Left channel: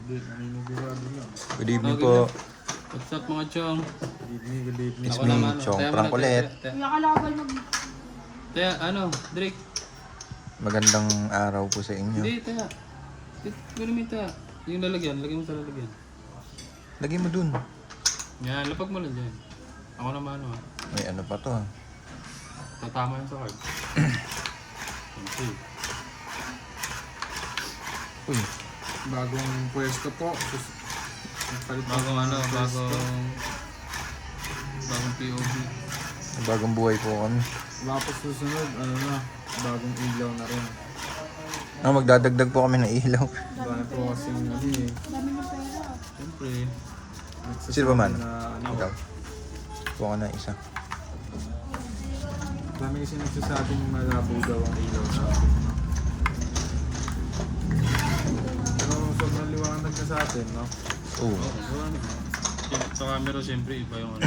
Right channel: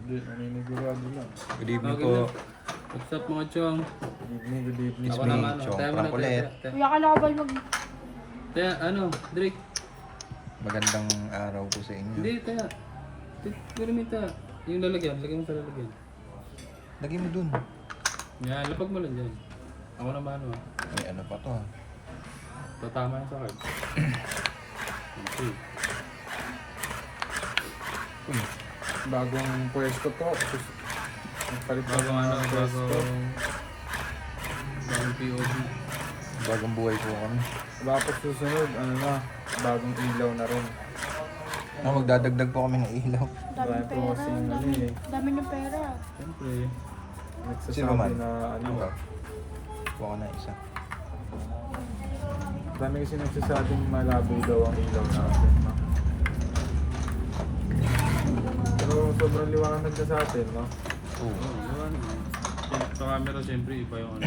Hindi, naninigurado lang. Good evening po. What's up mga chong? Good evening, good evening. It's me, Chong Frank ulit. Kuya ka nakabal mag... Taya, ano, Drake? Magandang araw po sa inyo. Hindi, taya. Piramita. Yung lalagyan, lagyan mo sa lalagyan. Lagay mo dun. Yan, lapag mo lang dyan. Ako naman ano ah. May ano pa to. Tatama yan sa card. Okay. Uy, Bagong pwesto po. Nagpalit po Bagong ano, ng pwesto. bagong POV. bagong buhay po kami. Tapos susunod, ano na, bagong ilaw na rin. Magdadagdag po kami ng ilaw. Dahil po kasing ano eh. Dami ng pera. Siyempre. Sino ba man? Nagsasabi na ano. Ikaw. Kuha ka na isa. Dami kasi nagsasabing malabo daw ang ilaw natin. No? Pero sobrang liwanag na sa atin, no? Oo. Yun. Sa camera siyempre iba yung ano.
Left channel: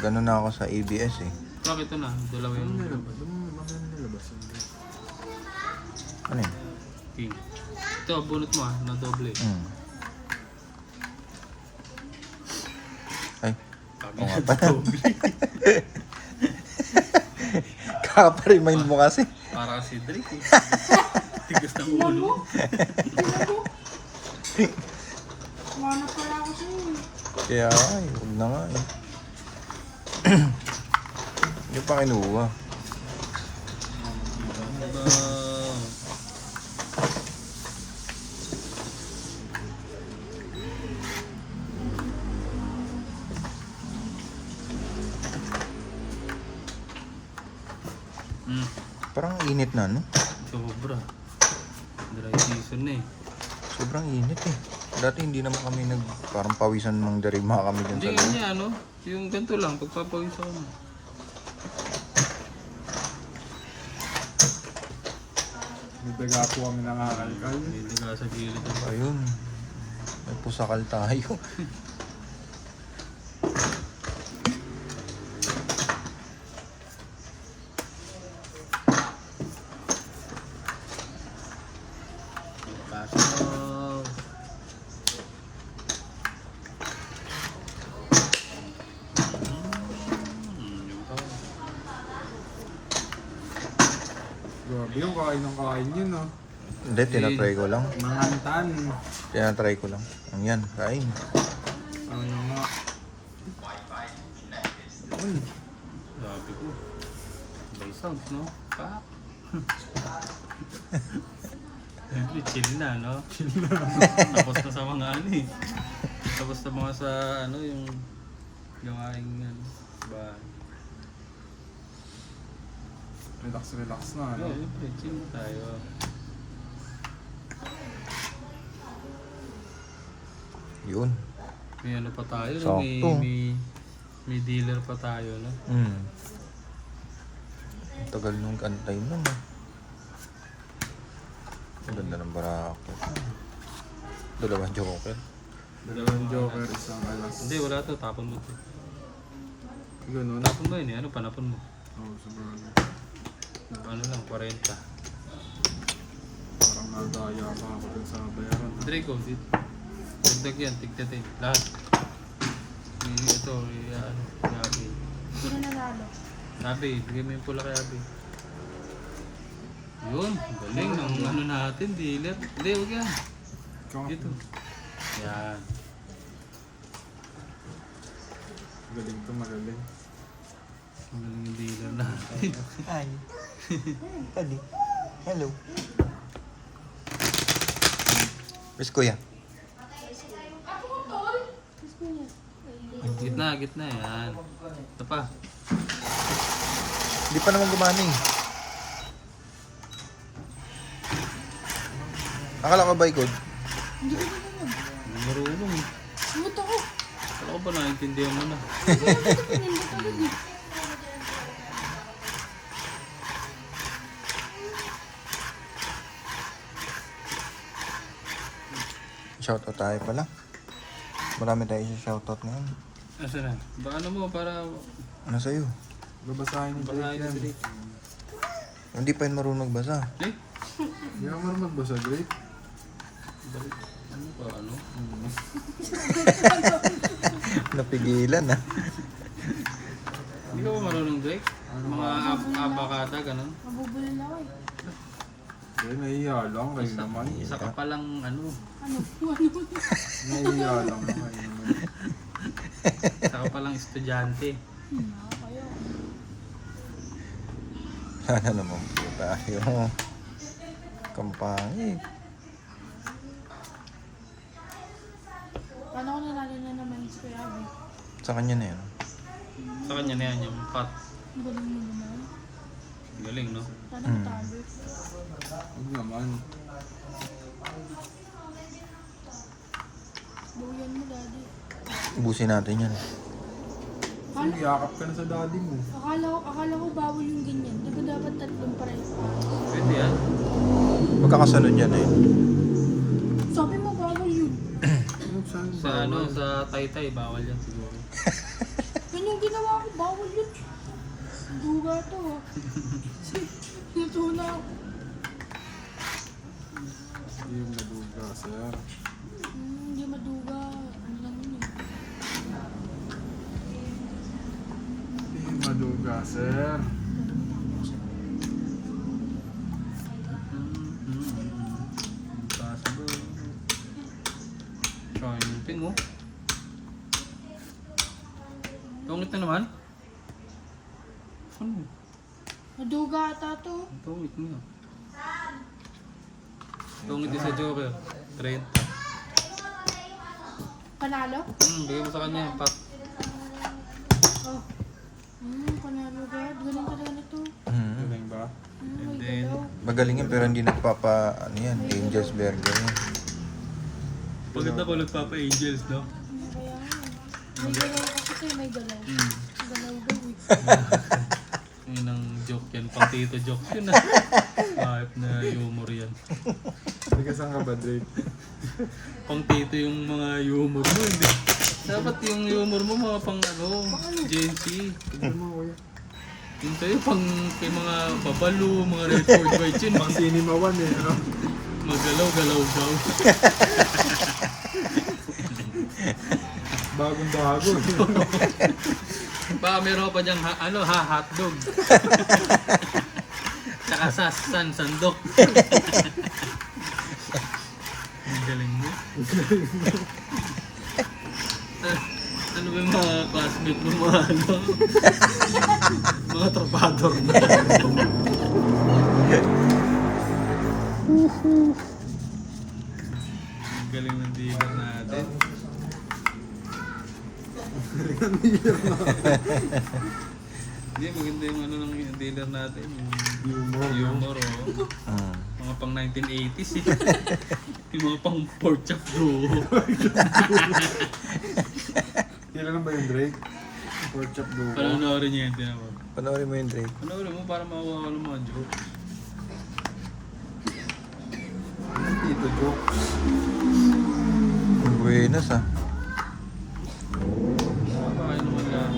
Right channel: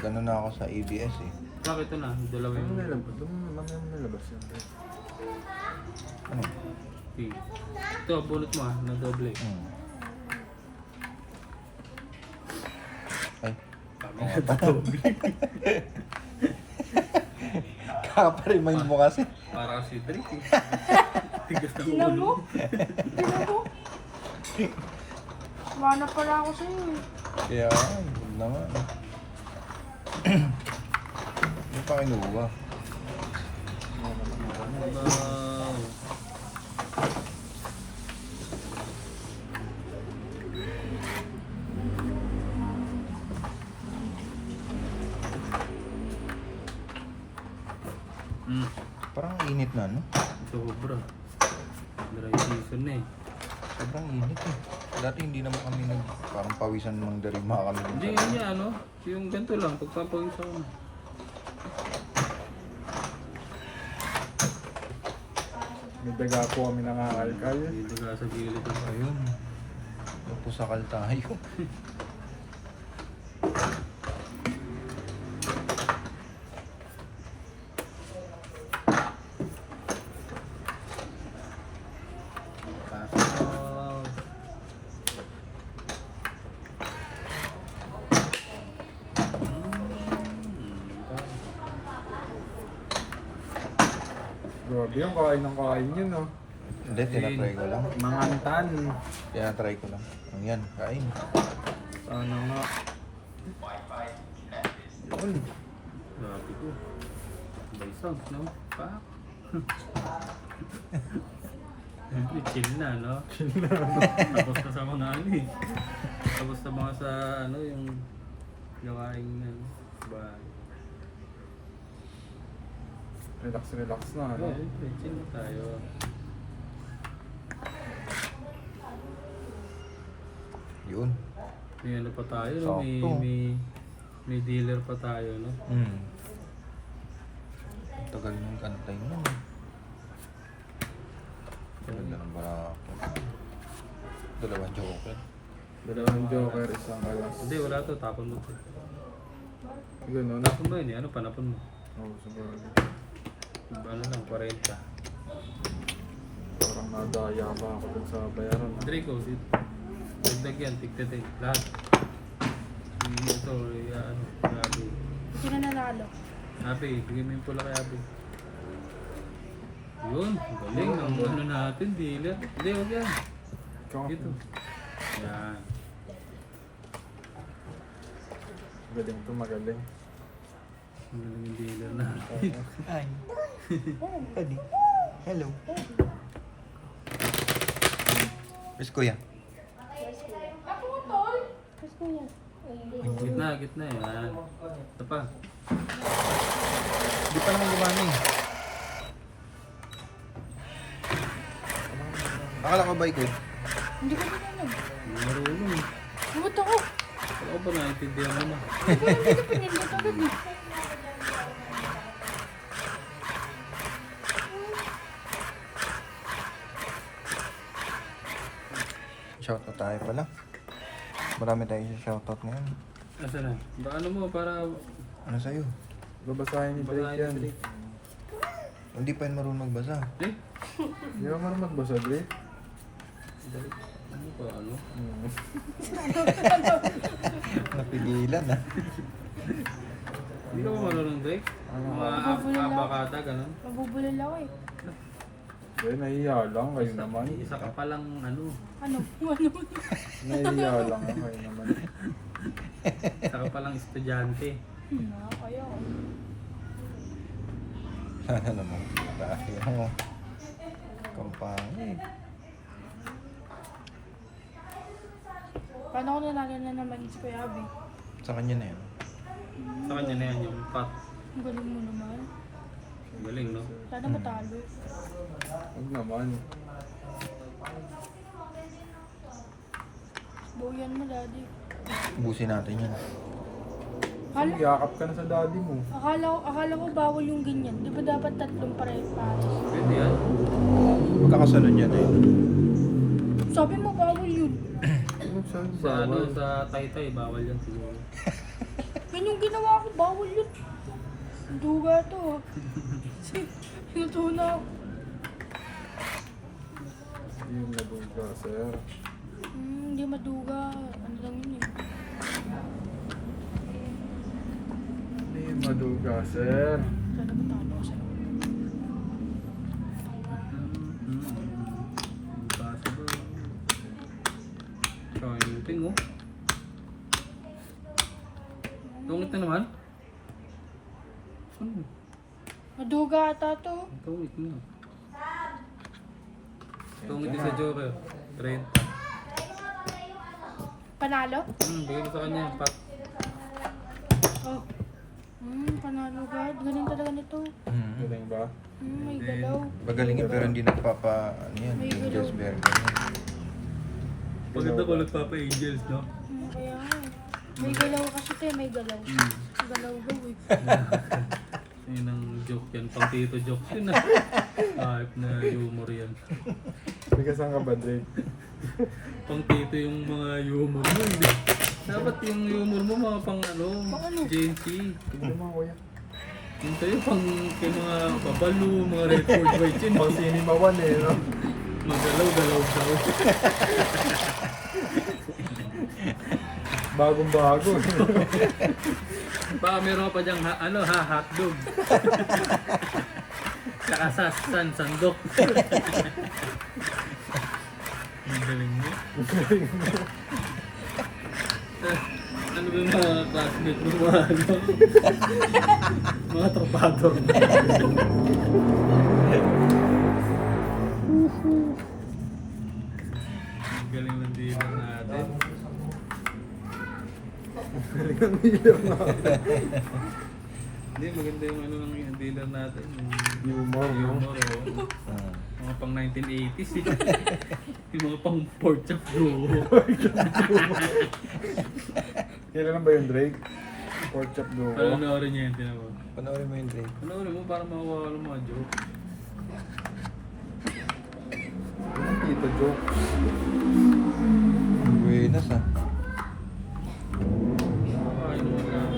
Ganun na ako sa ABS eh. Bakit ito na? Dalawa Ano yung nalabas? Mamaya mo nalabas yan. Ano yun? pink. Ito, bunot mo ah, na doble. Ay, Sabi oo nga pala. Kaka-remind mo kasi. para si Drake eh. Tigas ng Tingnan ulo. mo. Tingnan mo. Mana pala ako sa'yo eh. Kaya ay, huwag na nga eh. Hindi pa kinuha. Parang init na no? Sobra. Dry season na eh. Sobrang init eh. Dati hindi naman kami parang pawisan ng darima kami dyan Hindi sa nga niya ano, yung ganito lang, pagpapawisan mo. May daga po kami nangakalkal. Hindi ka sa gilid. Ayun. May pusakal tayo. Kaso, Grabe yung kain ng kain yun, no? Hindi, tinatry ko lang. Mangantan. Tinatry ko lang. Ang yan, kain. Ano nga? Yun. Sabi ko. May sounds, no? Pa. Siyempre, chill na, no? Chill na. Tapos na sa mga ano eh. Tapos na mga sa ano, yung gawaing ano, ba? Relax, relax na, ano? Okay, chill na tayo. Yun. May ano pa tayo, no? Sakto. May dealer pa tayo, no? Tagal nung antay nun. Ang ganda ng barako. Dalawang joker. Dalawang joker, isang alas. Hindi, wala to. Tapon mo to. Ganun. Tapon mo yun eh. Ano, panapon mo. Oo, sabagay. Ano lang, 40. Parang nadaya pa ako dun sa bayaran. Draco, dagdag yan, tigtatin. Lahat. Ito, ano, Yabe. Sino nanalo? Yabe, bigyan mo yung pula kay Yabe. Yun, galing. Ang ano natin, dealer. Hindi, huwag yan. Ikaw nga Dito. po. Yan. Magaling to, magaling. Ang galing yung dealer natin. Hi. Pwede. Hello. Miss Kuya. Gitna, gitna yan. Ito pa. Hindi pa naman gumana eh. Akala ko ba ikod? Hindi ko ganun. Marunong eh. Lumot ako. Ako ba naintindihan mo na? Hindi ko ganun. Shoutout tayo pala. Marami tayo sa shoutout ngayon. Asa na? Baka ano mo para... Ano sa'yo? Babasahin ni Drake yan. Hindi pa yun marunong magbasa. Eh? Hindi ako marunong magbasa, Drake. Balik. Ano ba, ano? Napigilan ah. Hindi ka ba marunong, Drake? Ano Mga abakata, ganun. Mabubulal ako eh. Eh, nahiya lang kayo naman. Isa ka palang, ano, Ano? Nahiya lang kayo naman. isa ka palang estudyante. Kaya. Sana naman po tayo. Kampangi. Paano ko nalala na naman si Kuya Abby? Sa kanya na yan. Sa kanya na yan yung pot. Ang galing mo naman. Galing, no? Paano matalo? Huwag naman. Buyan mo, daddy. Ubusin natin yan. Akala, Yakap ka na sa daddy mo. akala ko bawal yung ganyan. Di ba dapat tatlong pareho pa? Pwede yan. Magkakasunod yan eh. Sabi mo bawal yun. Saan Sa ano, bawal? sa Taytay, bawal yan siguro. Yun yung ginawa ko, bawal yun. Duga to. Sinatuna ako. Yung naduga, sir. Hindi maduga. Ano lang yun eh. Hindi maduga, sir. Impossible. Triumphing, oh. Tungit na naman? Ano? Maduga ata to. Tungit na. Tungit din sa Joker. 30. Panalo? Bigay mo sa kanya yung pot. Oh. Panalo God. Galing talaga nito. Galing ba? May then, galaw. Magaling yan pero hindi nagpapa, ano yan, Angel's Burger yan. Pagod ako nagpapa-angels, no? Kaya nga. May galaw kasi tayo, may galaw. Galaw daw eh. Yun ang joke yan. Pang tito joke yun, ah. Kahit na humor yan. Hindi ka saan ka ba, Drake? Pang tito yung mga humor mo, hindi. Dapat yung humor mo mga pang ano, Gen Z. Tignan mo, kuya. Yung tayo pang kay mga babalo, mga record white yun. Pang cinema one eh, no? Magalaw-galaw daw. Bagong bago. Baka meron pa dyang hotdog. Saka sandok. Ang galing mo. Ano ba yung mga classmate mo, mga ano? Mga trabador na. Ang galing ng dealer natin. Hindi, maganda yung ano ng dealer natin. Humor, no? Yung humor, no? Mga pang 1980s eh. Yung mga pang pork chop bro. Kailan ba yung Drake? Pork chop go ko. Panoorin niya yun, tiyan mo. Panoorin mo yun, Drake. Panoorin mo para mawawala ng mga joke. Yung tito jokes. Buenas ah. Nakakain naman yan.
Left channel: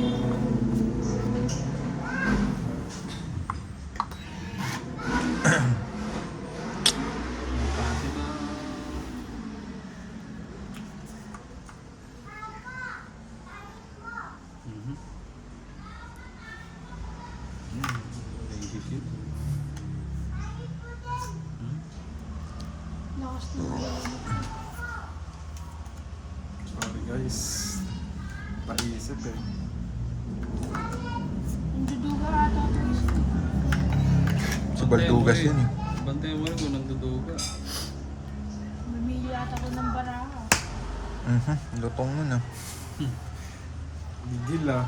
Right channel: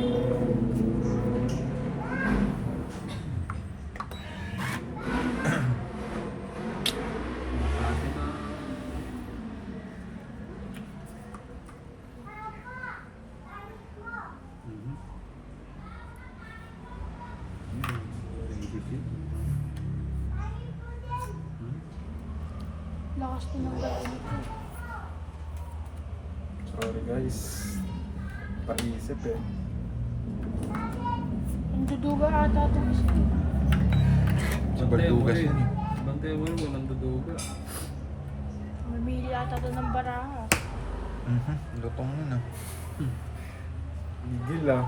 Mhm. Lakas na. Sorry guys. Paisip eh. Ang duduga ata ito isa. Sa Baldugas yun eh. Bantay mo rin kung nanduduga. Mamili ata ito ng baraha. Lutong nun ah. Gigil ah.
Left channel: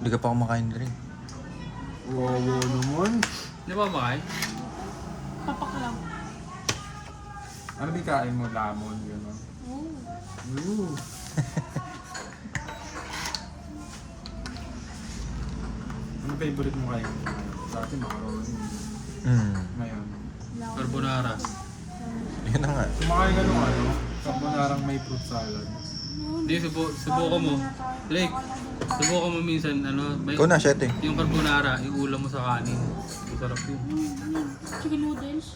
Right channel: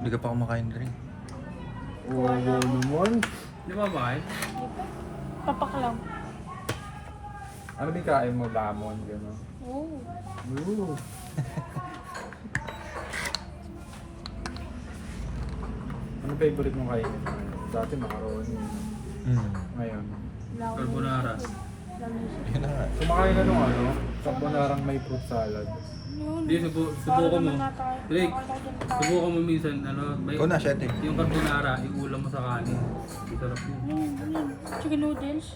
Hindi ka pa kumakain, Drake. Wow naman. Di ba ba? Papaklaw. Ano ba yung kain mo? Lamon, gano'n. Oh. Ooh. Ano favorite mong kain? Dati macaroni. Ngayon. Carbonara. Yun na nga. Kumakain ka nung ano, carbonarang may fruit salad. Hindi, subukan mo. Like, subukan mo minsan, ano, may, Ikaw na, 7. yung carbonara, iulam mo sa kanin. Sarap yun. Chicken noodles.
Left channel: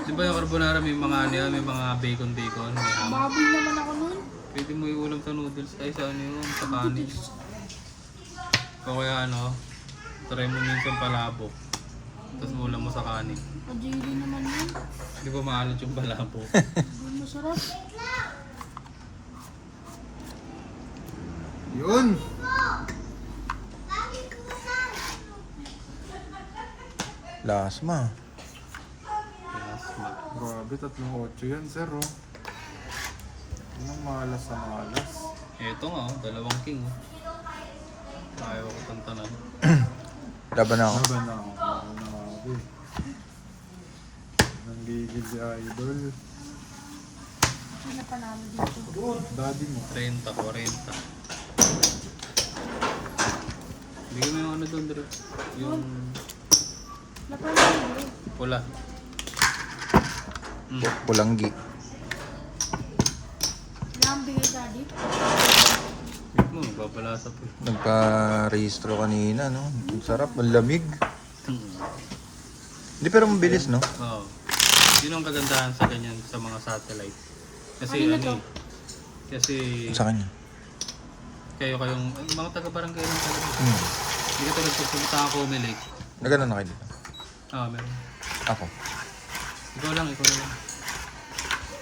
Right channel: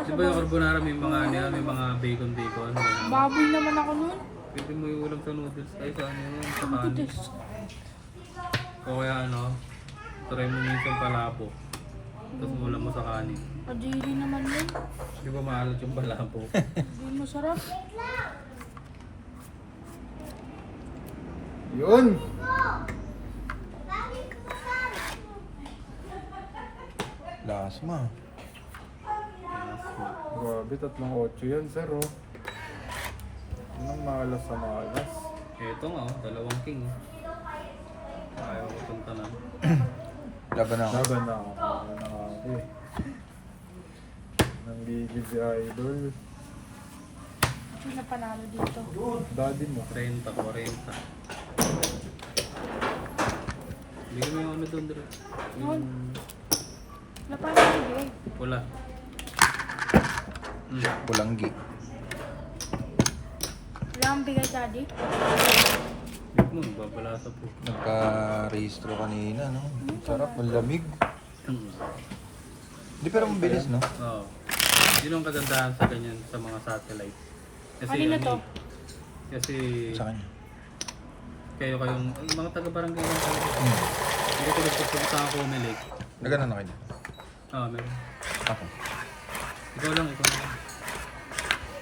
Di ba yung carbonara may mga ano yan, may mga bacon, may ham. Baboy naman ako nun. Pwede mo iulam sa noodles, ay sa ano yun, sa kanin. Titis. Kaya ano, try mo minsan palabo. Tapos ulam mo sa kanin. Pajiri naman yun. Di ba maalat yung palabo? Hindi masarap. Yun! Lasma. Grabe, 3.8 yan, sir, oh. Yun ang malas sa malas. Eto nga, dalawang king. Ayaw ko tantanan. Laban na ako. Laban na ako. Laban na ako, eh. Nanggigil si Idol. Ano panalo dito? Daddy mo. 30, 40. Bigyan mo yung ano doon, Dre. Yung Napanalo dito. pula. Pulanggi. Wala kang bigay daddy. Bigyan mo, babalasa po. Nagka-rehistro kanina, no? Ang sarap, ang lamig. Hindi pero mabilis, no? Oo. Yun ang kagandahan sa ganyan, sa mga satellite. Kasi Kanina ano to? eh, kasi Sa kanya. kayong, ay, mga taga-barangay ng kayo. Hindi ko nagpupunta ako na lake. Nagano na kayo dito? Meron. Ako. Ikaw lang.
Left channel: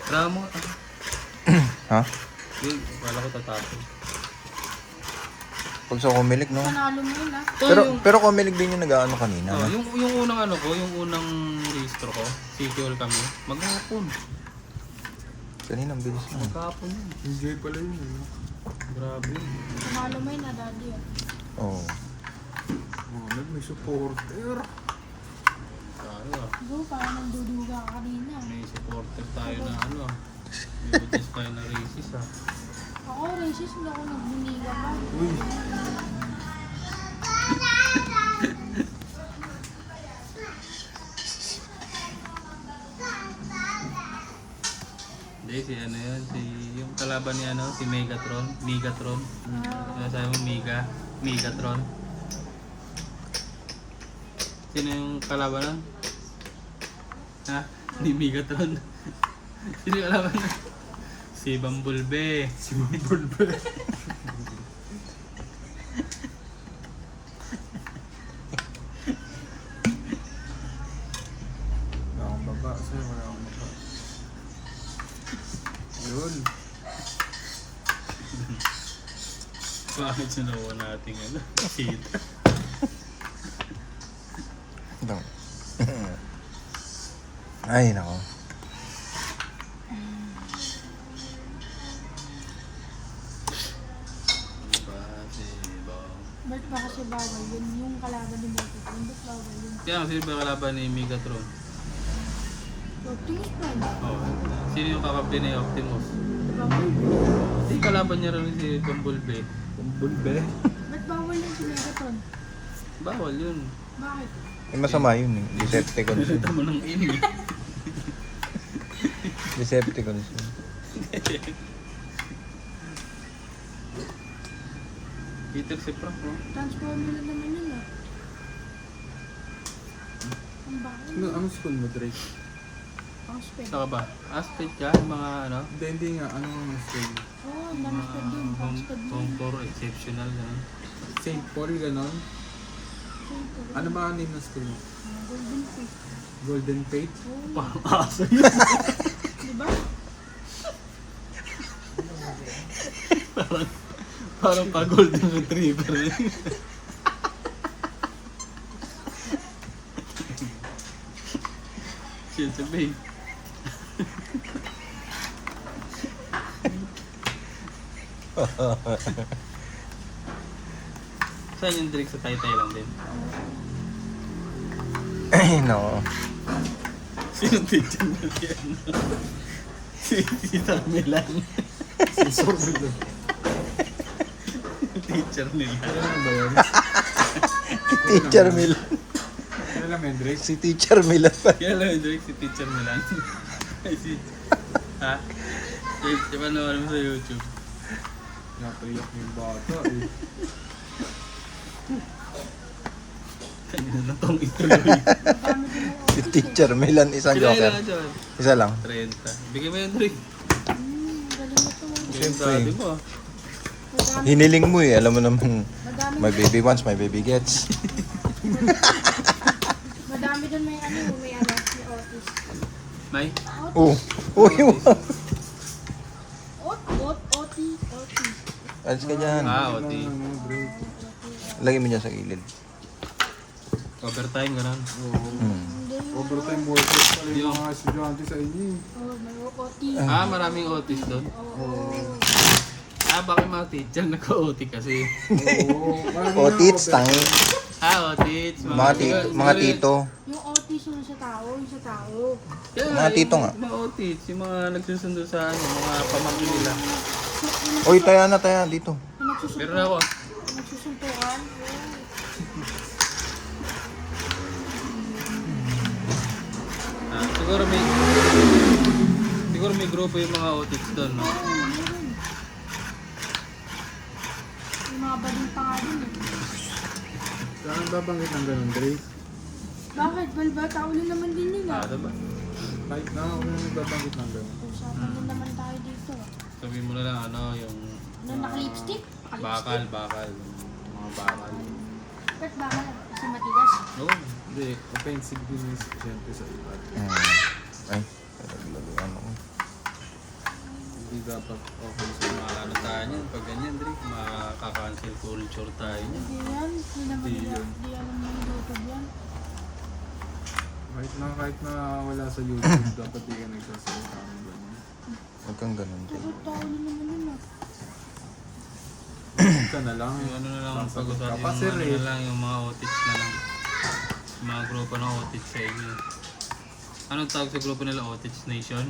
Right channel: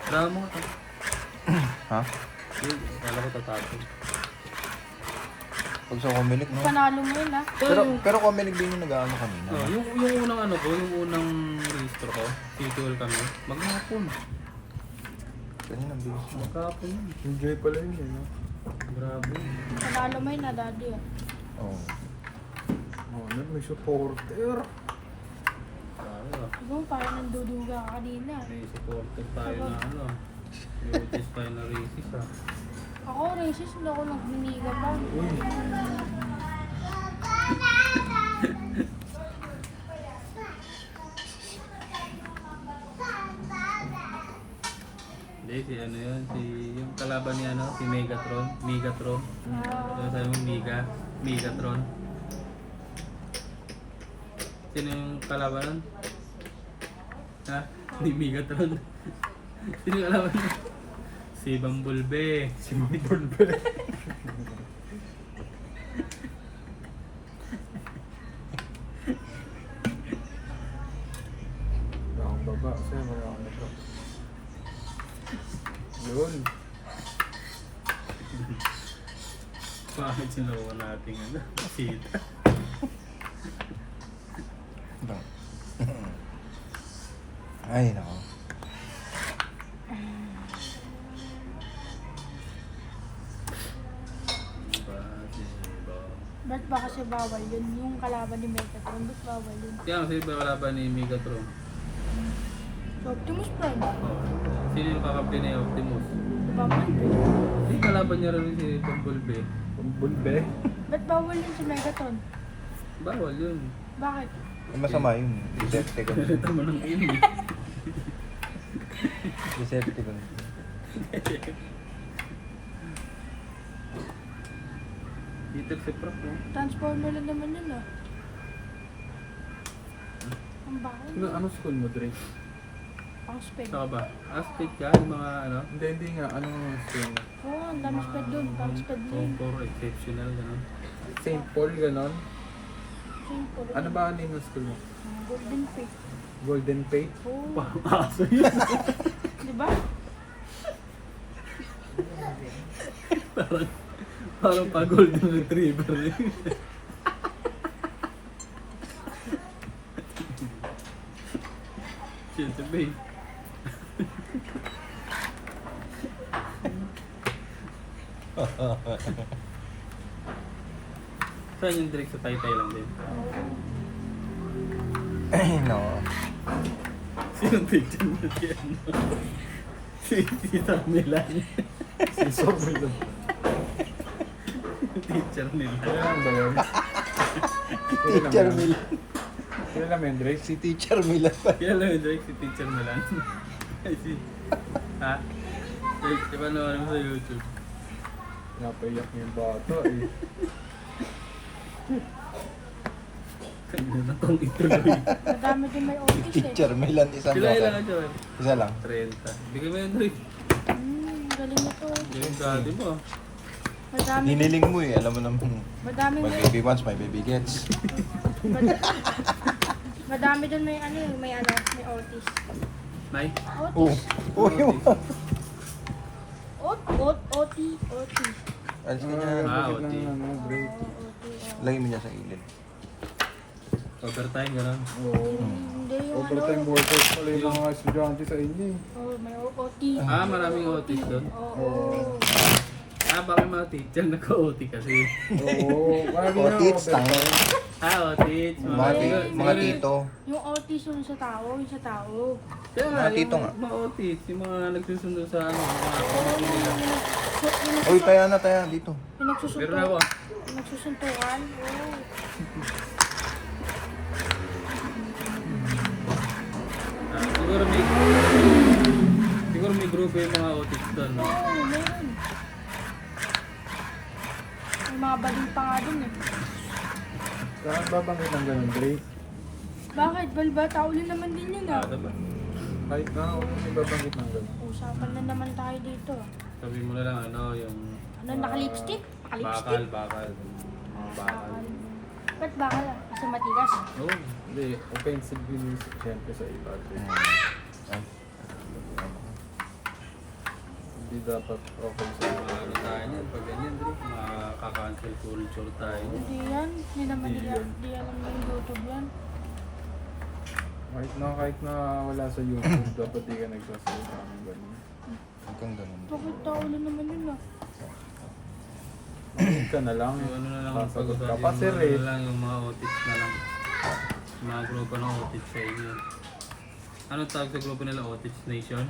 Damo. Ha? Yun, kala ko tatapon. Pag sa kumilig, no? Panalo mo yun, ha? Pero kumilig din yung nag-ano kanina. Oh, No? yung unang ano ko, yung unang registro ko, CQL kami, maghapon. Kanina, ang bilis na. Maghapon yun. Enjoy pala yun, eh, no? Grabe. Panalo mo yun, ha, daddy. Oo. Oh, may supporter. Tayo. Ikaw, parang nanduduga ka kanina. May supporter tayo na ano. May utis tayo na racist ha. Ako, racist, hindi ako nagbuniga pa. Uy, Hindi, si ano yun, yung kalaban niya ano, si Megatron. Yung sabi mo, Megatron. Sino yung kalaban nun? Ha? Ni Megatron. Sino yung kalaban nun? Si Bumblebee. si Mambulbe. Wala akong baba, sir. Wala akong baba. Yun. Bakit sinuwa natin ano? Sita. Ito. Ay, nako. Ba't ba kasi bawal yun? Yung kalaban ni Megatron, ba't bawal yun? Kaya sino ba yung kalaban ni Megatron? Optimus Prime. Sino yung kakampi ni Optimus? Bawal. Hindi, kalaban niya rin si Bumblebee. Mambulbe. Ba't bawal yun si Megatron? Bawal yun. Bakit? Eh, masama yun eh. Decepticons. Kita mo ng ini. Decepticons. Peter si Prof, no? Transformer lang naman yun, ah. Ang bakit? Anong school mo, Drake? Ang sped. Saka ba? Aspect ka, yung mga ano? Hindi nga. Anong school mo? Oo, ang dami sped dun. Ang sped dun. Home tour exceptional. Ano? St. Paul, ganon? Super. Ano ba ang name ng school mo? Golden Fate. Golden Fate? Oo. Parang aso yun. Diba? Parang pa golden retriever. Shit, sabi. Saan yung direct sa Taytay lang din? Ay, nako. Sinong teacher mo yan? Si Tita Milan. Si Sormilon. Teacher nila. Kaya lang ba yun? Teacher Milan. Kailan naman, Drake? Si Teacher Milan pa. Kaya lang yung Drake si Teacher Milan. Ay si... Ha? Diba naman mo sa YouTube? Pinapayak niyo yung bata eh. Kanina na itong ituloy. Madami din may Si office Teacher Milan, isang Kailan joker. lang ito? Isa lang. 30. Bigyan mo yung Drake. Galing ito. Yung Siyempre. daddy mo ah. Madami, Hiniling mo eh, alam mo naman. madami, My baby wants, my baby gets. madami doon may ano yung may office. May? Oh, uy, OT. alis ka dyan. Ah, Bakit okay. lang, ano, Drake? Lagyan mo dyan sa gilid. Overtime gano'n. Oo. Hindi yung Overtime workers pala yung mga estudyante sa inyo eh. may OT. Ah, maraming otis doon. Oo. Ah, baka yung mga teacher naka-OT kasi. Oo. Lagi O, na tits, overtime. tang. Ah, otis. Mga tito. Yung OT yung sa tao, Kaya, Mga tito nga. Mga otis, yung mga nagsusundo sa ano, mga pamangkin nila. Uy, taya dito. Meron ako ah. Pinagsusuntuan. Ah, siguro may grupo yung mga otis doon. No? Meron. Yung mga baling pa nga dun eh. Saan babanggit ng ganun, Drake? Bakit? Balba, tao na naman din yun ah. Ah, diba? Kahit na ako may babanggit ng ganun. Usapan na naman tayo dito. Sabi mo na lang ano, yung Ano, naka-lipstick? bakal. Mga bakal. Ba't bakal? Kasi matigas. Oo. Hindi, offensive yun siyempre sa iba. Drake. Ay. Hindi dapat okay sa iyo. Ano tayo niyan? Pag ganyan, Drake, makaka-cancel culture tayo niyan. Hindi yan. Hindi naman Hindi yan. yun. Hindi yan yung YouTube yan. Kahit na wala sa YouTube, dapat di ka nagsasalita ng ganun. Huwag kang ganun. Bakit tao na naman yun ah? Huwag ka na lang. Yung ano na lang, Sasagot ka pag-usapan pa, yung sir ano eh. na lang, yung mga otis na lang. Yung mga grupo ng otis sa inyo. Anong tawag sa grupo nila? Otis Nation?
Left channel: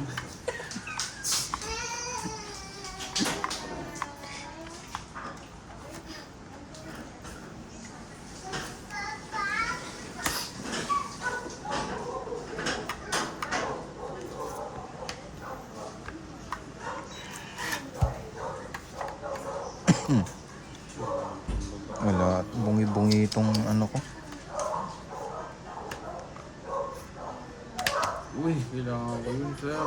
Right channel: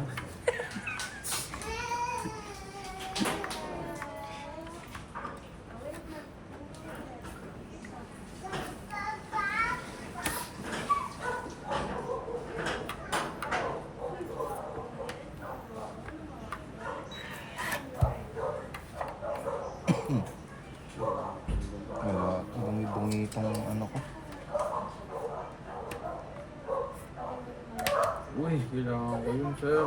Wala, bungi-bungi itong ano ko. Uy, kailangan ko yun, sir.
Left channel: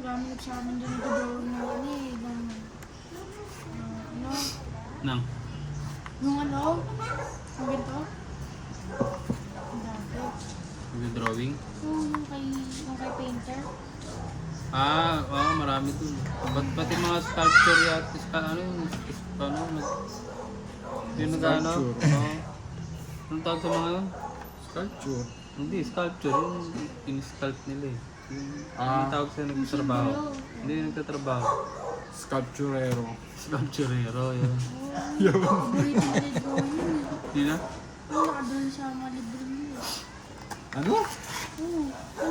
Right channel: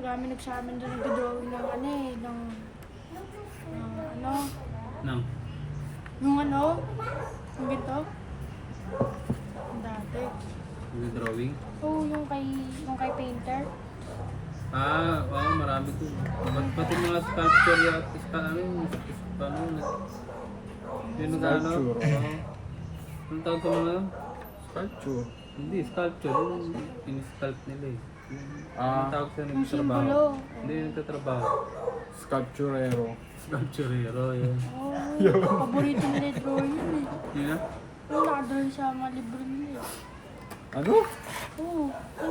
Marami nagsasabi dyan nag-drawing ng ano eh, ng ano, Nang? yung ano, yung ganito. Ang dati. Yung drawing? Oo, yung kay painter. Ah, oo, marami dun. Pati mga sculpture yata, ano yung, yung nag-ano? Sculpture, Oo. Anong tawag sa mga, Sculpture. hindi, sculpture, yung in-sculpt nila eh. Yung, Ah. anong tawag sa Yung nagtatrabaho? simbolo. Hindi, yung nagtatrabaho. Sculpturero. Sculpturero, yun. Oo, paborito nila yung drawing yun eh. Yun na? Oo, nakadrawing sa mga libro nila. Ano? Oo.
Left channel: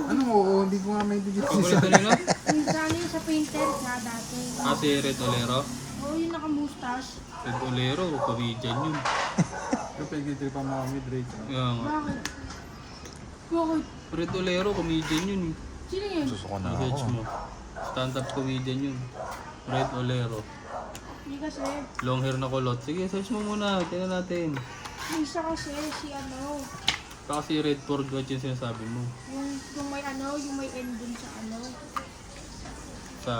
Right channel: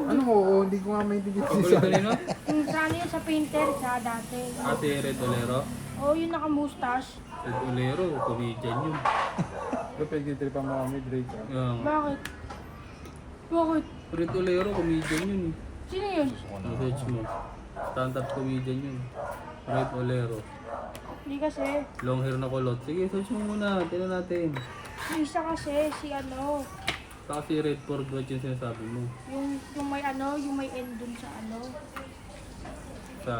Ano? Oo, hindi ko nga may digit Paborito sa nyo na? Yung sa ano yun, sa painter, sa dati. Ah, si Red Olero. Oo, yung naka-mustache. Red Olero, comedian yun. Kapag itripan mo kami, Drake. Ah. Yung, Bakit? Bakit? Red Olero, comedian yun eh. Sino yun? Susuko na Message ako. mo. Stand-up comedian yun. Red Olero. Hindi kasi. Long hair na kulot. Sige, search mo muna. Tingnan natin. Yung isa kasi, si ano, Kasi Red Ford Watch yung sinasabi mo. yung may ano, yung may end dun sa ano. Sa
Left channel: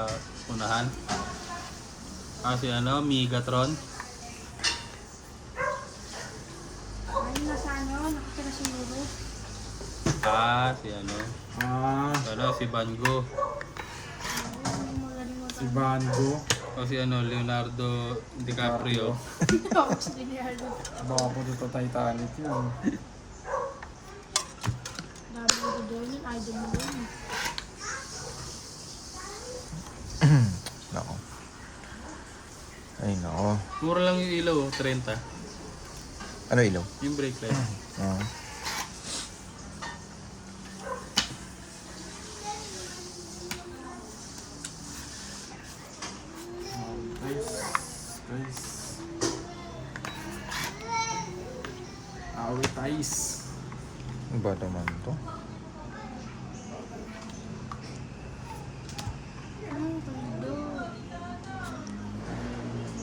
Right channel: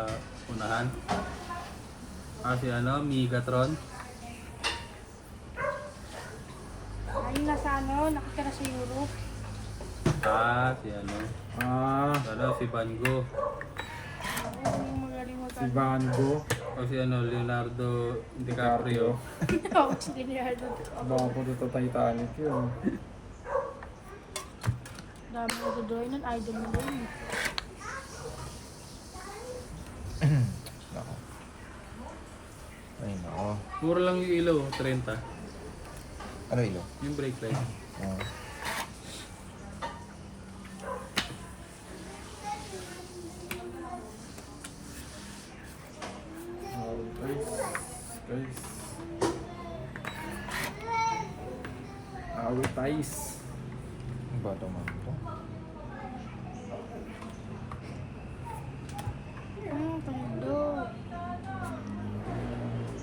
unahan. Kasi ano, Megatron. Ayun nasa ano, nakitira si Luro. Ah, si ano. Ah, Ano, si Van Gogh. si Van Gogh. O si ano, Leonardo DiCaprio. Tawag sa Leonardo. Baka po ito Titanic yun. Dami ko doon yun, idol mo yun. Nako. Ay, nako. Mura lang yung ilaw, 30. Ano ilaw? Yung brake light. Oo. Guys, Away ties. Ano ba naman to?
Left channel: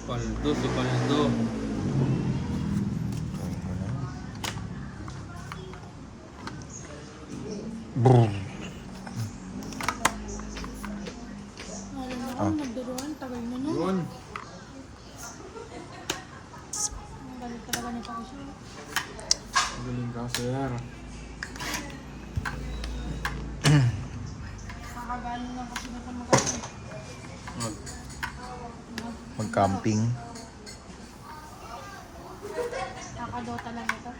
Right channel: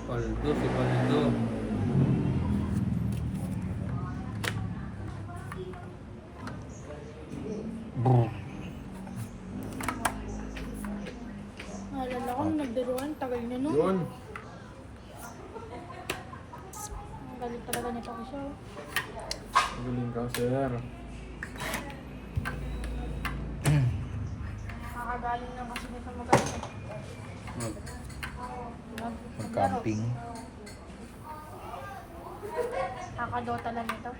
Paldo, si Paldo. Brrr. Naalala ko, nagbiruan, tagal na nun. Yun. Ang galing talaga ni Tasha. Magaling ka, sir. Nakagaling na kasi ba't na magaling. Mag-camping. Nakadota lang ito.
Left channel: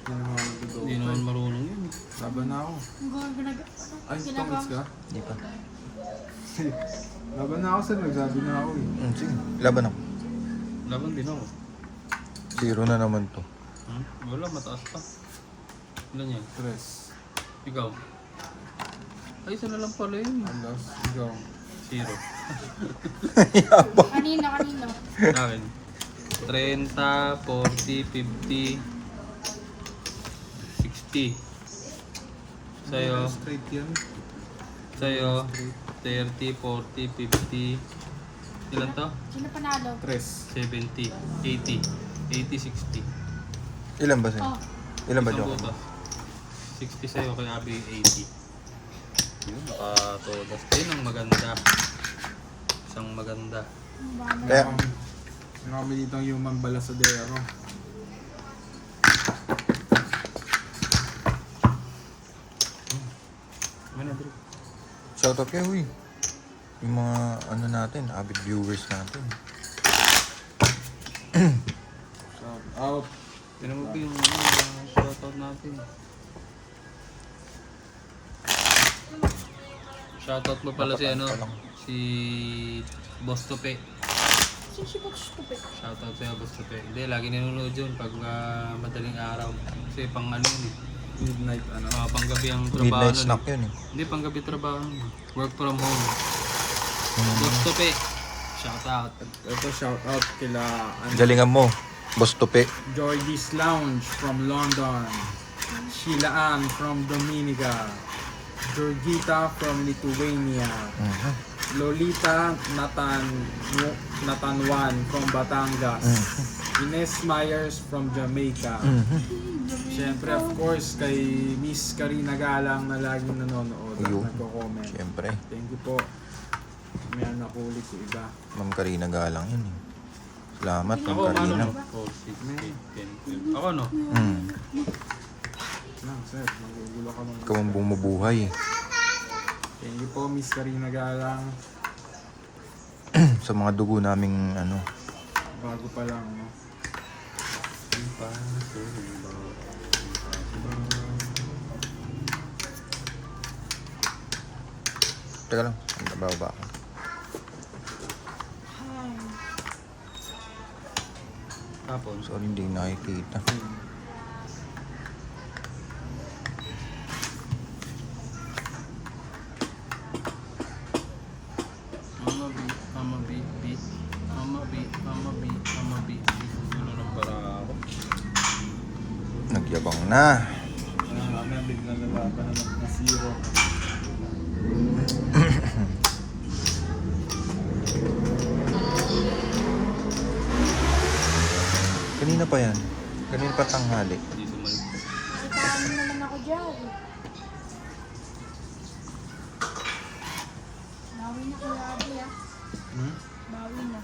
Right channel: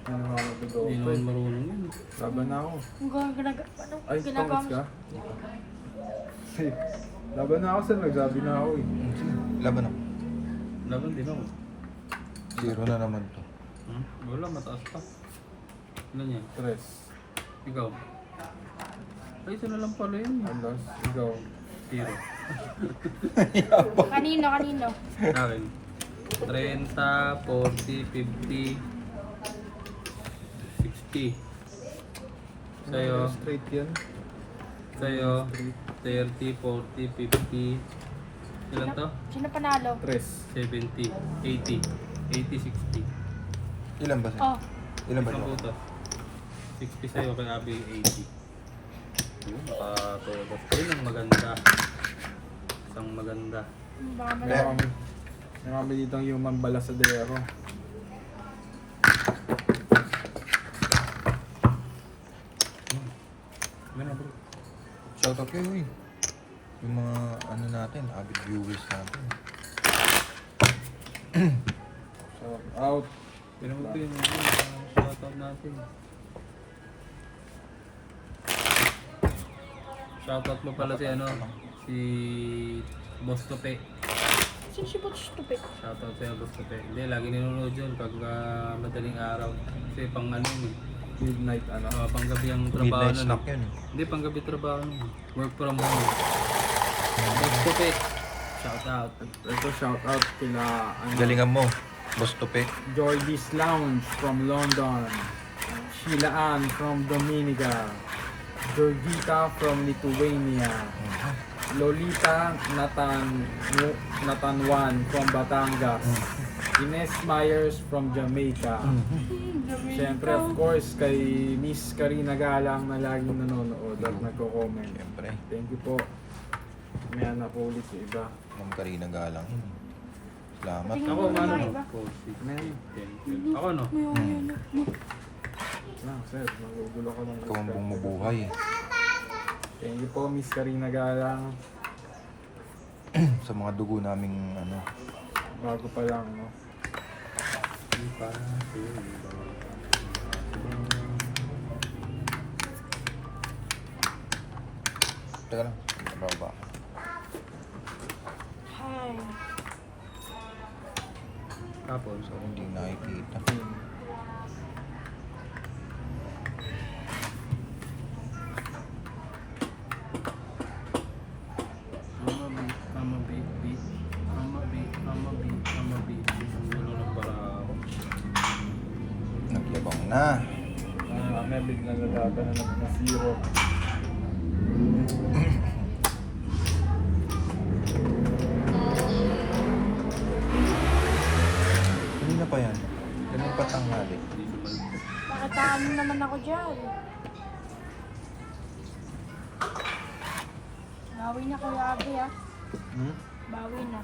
Hindi na ako nagdodo. Hindi naman marunong yun. Laban na ako. Ang gagawin ano? Ay, tungits ka? Hindi pa. Laban na ako, sir. Nagsabi na ako eh. Sige, laban ako. Laban din ako. 0 na naman to. Wala, mataas pa. Ilan yan? 3. Ikaw? Ay, isa na lang pala yun. Alas, ikaw. 0. Kanino? Akin. 30, 40, 50, 60. Sa'yo, Straight yan. sa'yo, 30, 40, 50. Ilan to? Sino panalo? 3. 70, 80, 80, 60. Ilan ba sa'yo? Oh, Ilan ba Isang dyan? buto. 60 sa'yo, kay Abi 80. Yun, nakatulog. Ayun ang maganda. Isang maganda. baka may... Eh. May kami dito ang human balasadero. Ano bro? Shoutout kayo, uy. Yung mga ano natin, avid viewers natin. Shout out. Pinamag yung shoutout natin. Shoutout mo pala si ano, si Boss Tope. Sino si Boss Stupid? Shoutout sa'yo Boss Tope. Hindi, lagi nanonood yun pag madaling araw. Kasi pang ano yun eh. Midnight ano. Panggabi ang trabaho Midnight nun. snack yun eh. Hindi, panggabi trabaho nun. Work from home. Boss Tope. Shoutout. Ito shout out kila ano, Galingan mo, Boss Tope. Joy This Lounge from London. Sheila Ann from Dominica. Georgita from Lithuania. Lolita Natanwan from Batangas. Ines Myers from Jamaica. Siyempre, of course, kay Miss Karina Galang na laging nanonood at Ayun. nagko-comment. Siyempre, Thank you po. May anak ko ulit yung iba. Ma'am Karina Galang yun eh. Salamat, Ma'am Ako, ano Karina. no? Cold seat. May Ako no? lang, sir. Magugulo ka Ikaw ang bumubuhay. Thank you po, Miss Karina Galang. Sa mga dugo naming ano. Bago pa lang, no? Teka lang, bababa ako. Hi. Tapos, Sorry, hindi nakikita. Mama beat. Ang gulo ng parang. Nagyabang na. Kami bigla lalaban na na zero. Kanina pa yan. Kanina pa tanghali. Hindi sumunod. Nakataan naman ako dyan. Bawi na kay Abi ah. Bawi na.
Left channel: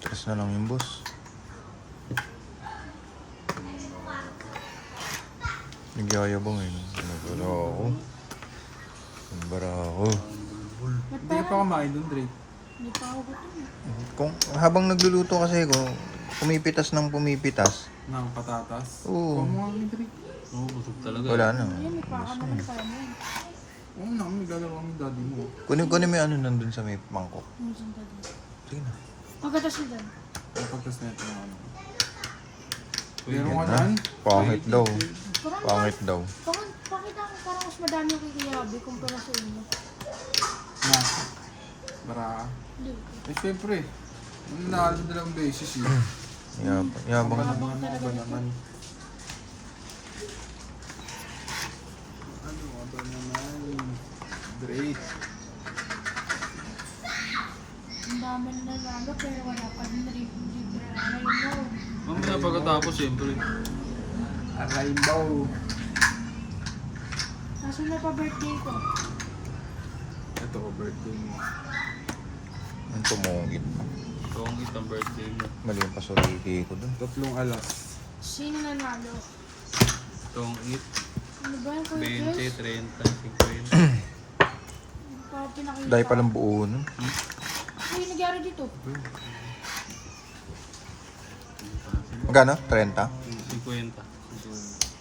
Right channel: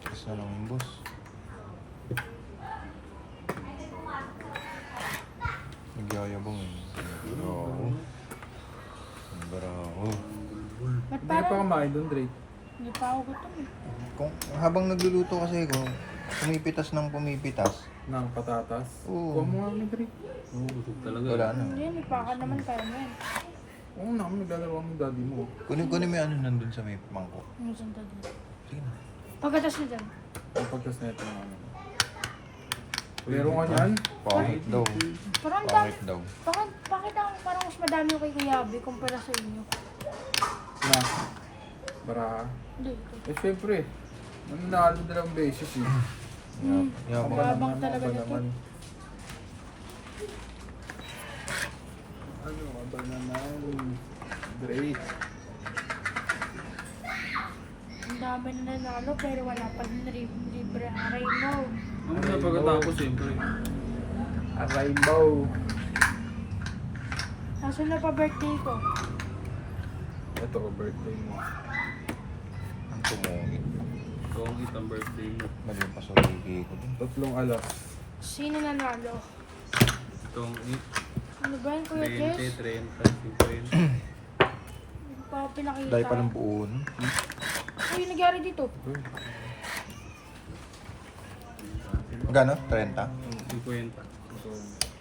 Stress na lang yung boss. Nagyayabang eh. Nagbara ako. Nagbara ako. Hindi ka pa kumain doon, Drake. Hindi pa ako gutom. Kung habang nagluluto kasi kung pumipitas ng pumipitas, Ng patatas. Oo. Kuha mo nga ni Drake. Oo, busog talaga. wala na. Hindi, may paka naman tayo. Oo na, naglalaro ang daddy mo. Kunin mo yung ano nandun sa may mangkok. Ano saan tayo? Sige na. Pagkatas na dyan. Ang pagtas na ito ng ano. Meron ka niyan? Pangit daw. Parang Pangit daw. bakit ako parang mas madami ako kay Kuya Abi kumpara sa inyo? Na. Baraha. Hindi. Eh, syempre. Mananalo dalawang beses eh. Yabang Ba ka. naman, ba naman. Ano ka ba naman? Drake. Ang dami na nanalo pero wala pa rin libre ang Raymond. Mamaya pagkatapos siyempre. A rainbow. Kaso na pa birthday ko. Ito, birthday mo. Ang tumungit. Kung itang birthday mo. Mali yung pasuriki ko dun. 3 alas. Sino nanalo? Kung it, Ano ba yung Kuya 20, Jess? 30, 50. Hindi pa ako pinakita. Dahil palang buo nun. Ano yung nangyari dito? Magkano? 30? 50.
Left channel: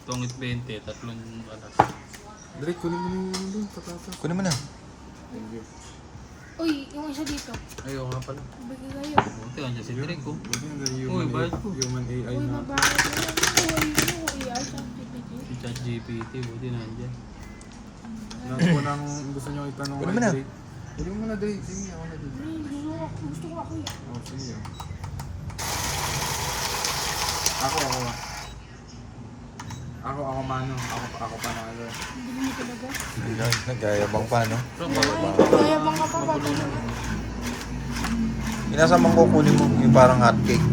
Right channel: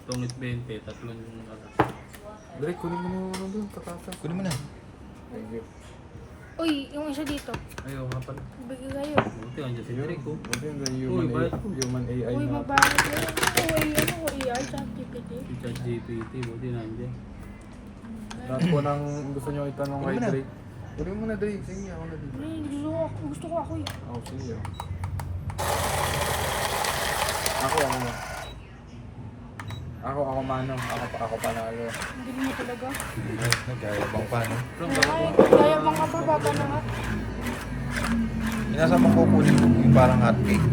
Tungit 20, tatlong alas. Drake, kunin mo na yung ano doon, katata. Kunin mo na. Thank you. Uy, yung isa dito. Ayaw nga pala. Bigay kayo. Buti, andyan si Drake ko. Buti yung Uy, bayad ko. human AI Uy, na. mabago na. Uy, AI sa TPT. Si ChatGPT, buti nandiyan. Lahat po nang gusto nyo itanong Kunin kay mo na. Drake. Kunin mo na Drake, sige ako na dito. Ay, gusto ko ako. Ako, sige ako. Ako mano. Ako panalo. Hindi mo talaga. Nagayabang pa, no? Kaya mga papapalit. Inasa mong kukunin mo yung parang hotcake.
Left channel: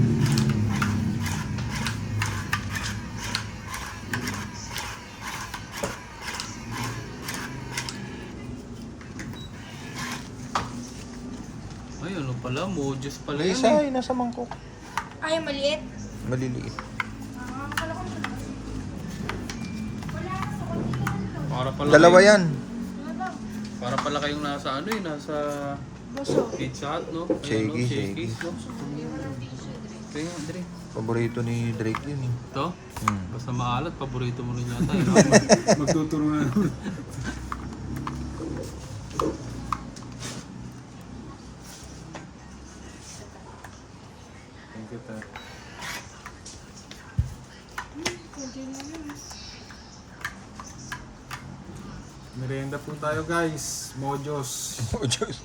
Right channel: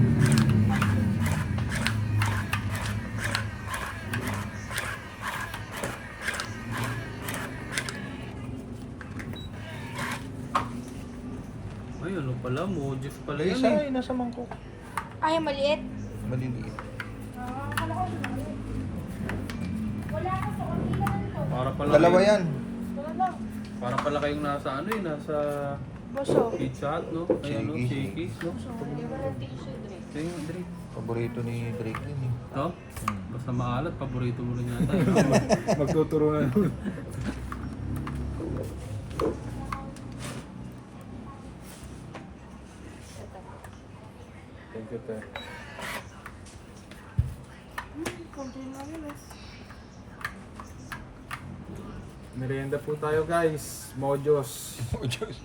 Ay, ano pala, Mojis pala Ay, yan isa, eh. nasa mangkok. Ay, maliit. Maliliit. Ano ko ito? Wala ka sa hindi ka nito. Para pala Dalawa kayo- yan. Wala lang. Para pala kayong nasa ano eh, nasa Boso. Pizza Hut, no? Ay, Shaky, ano, Shakey's, no? Ito yun, Drake. Paborito ni Drake yun eh. Ito? Hmm. Basta maalat, paborito mo rin yata. Magtuturo na naman. Thank you, Ter. Konti na yun. Merienda po tayo guys. Mojos. Oh, Diyos.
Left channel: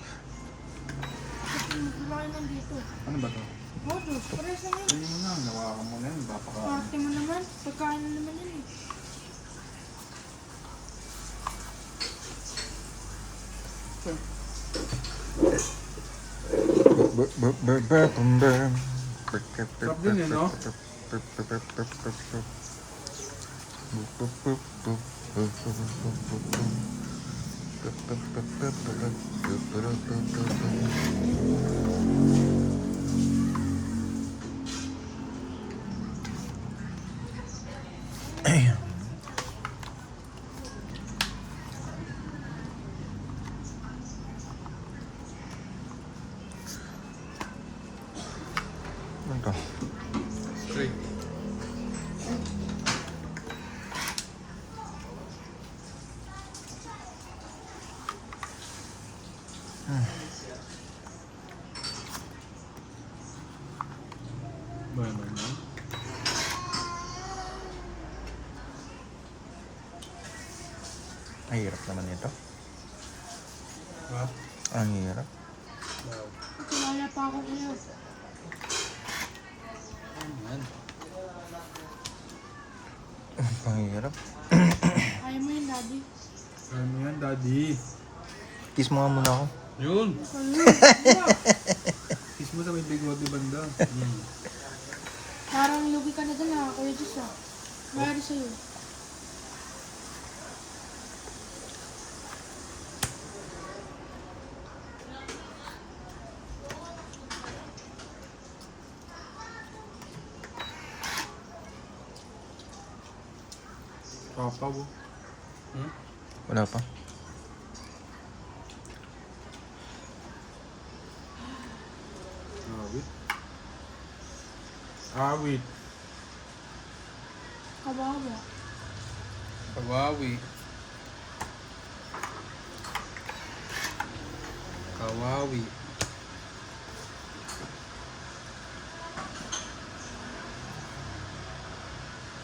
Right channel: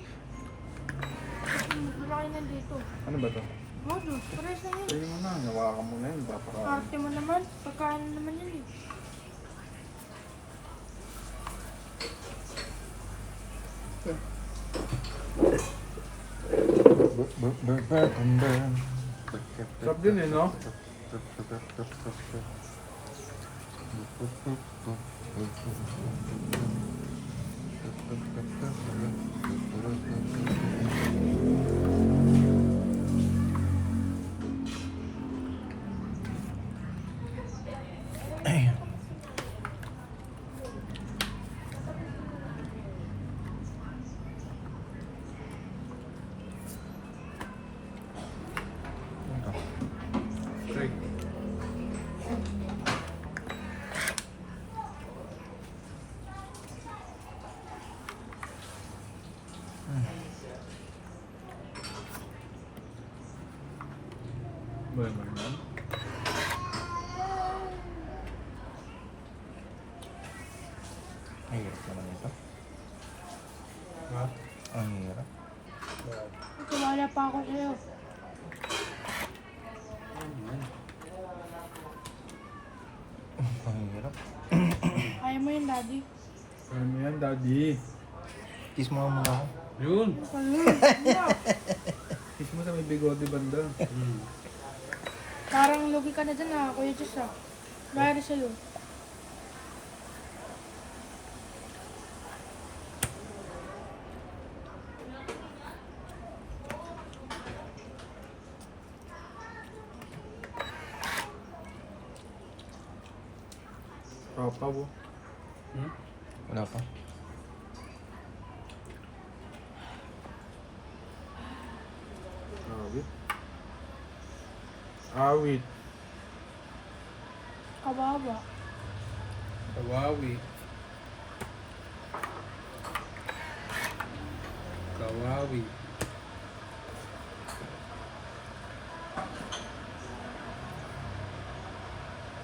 Wala kayo nandito. Ano ba to? Modus, pares na yun. Tingin mo na, nawakan mo na yun. Bapaka. Ate mo naman. Pagkain na naman yun eh. Sarap din eh, no? Ano to? Drake. Boy, boy, no? Ang hirap naman ito. Ha? Ang hirap. Kumala pa ako kayo. Ayan. Ang hirap. Ayaw mo yun, daddy. Kaya mo yan, daddy. Kiss mo nga muna ako. Yun! Kiss mo sa may bigote banda. Hmm. Parang lugi ka na dun ah, Kuya Diyos ah. Bayari sa'yo. Papa po. Hmm? Wala pa. Awit. Awit. Kawawa. Kawawi. Kawawi.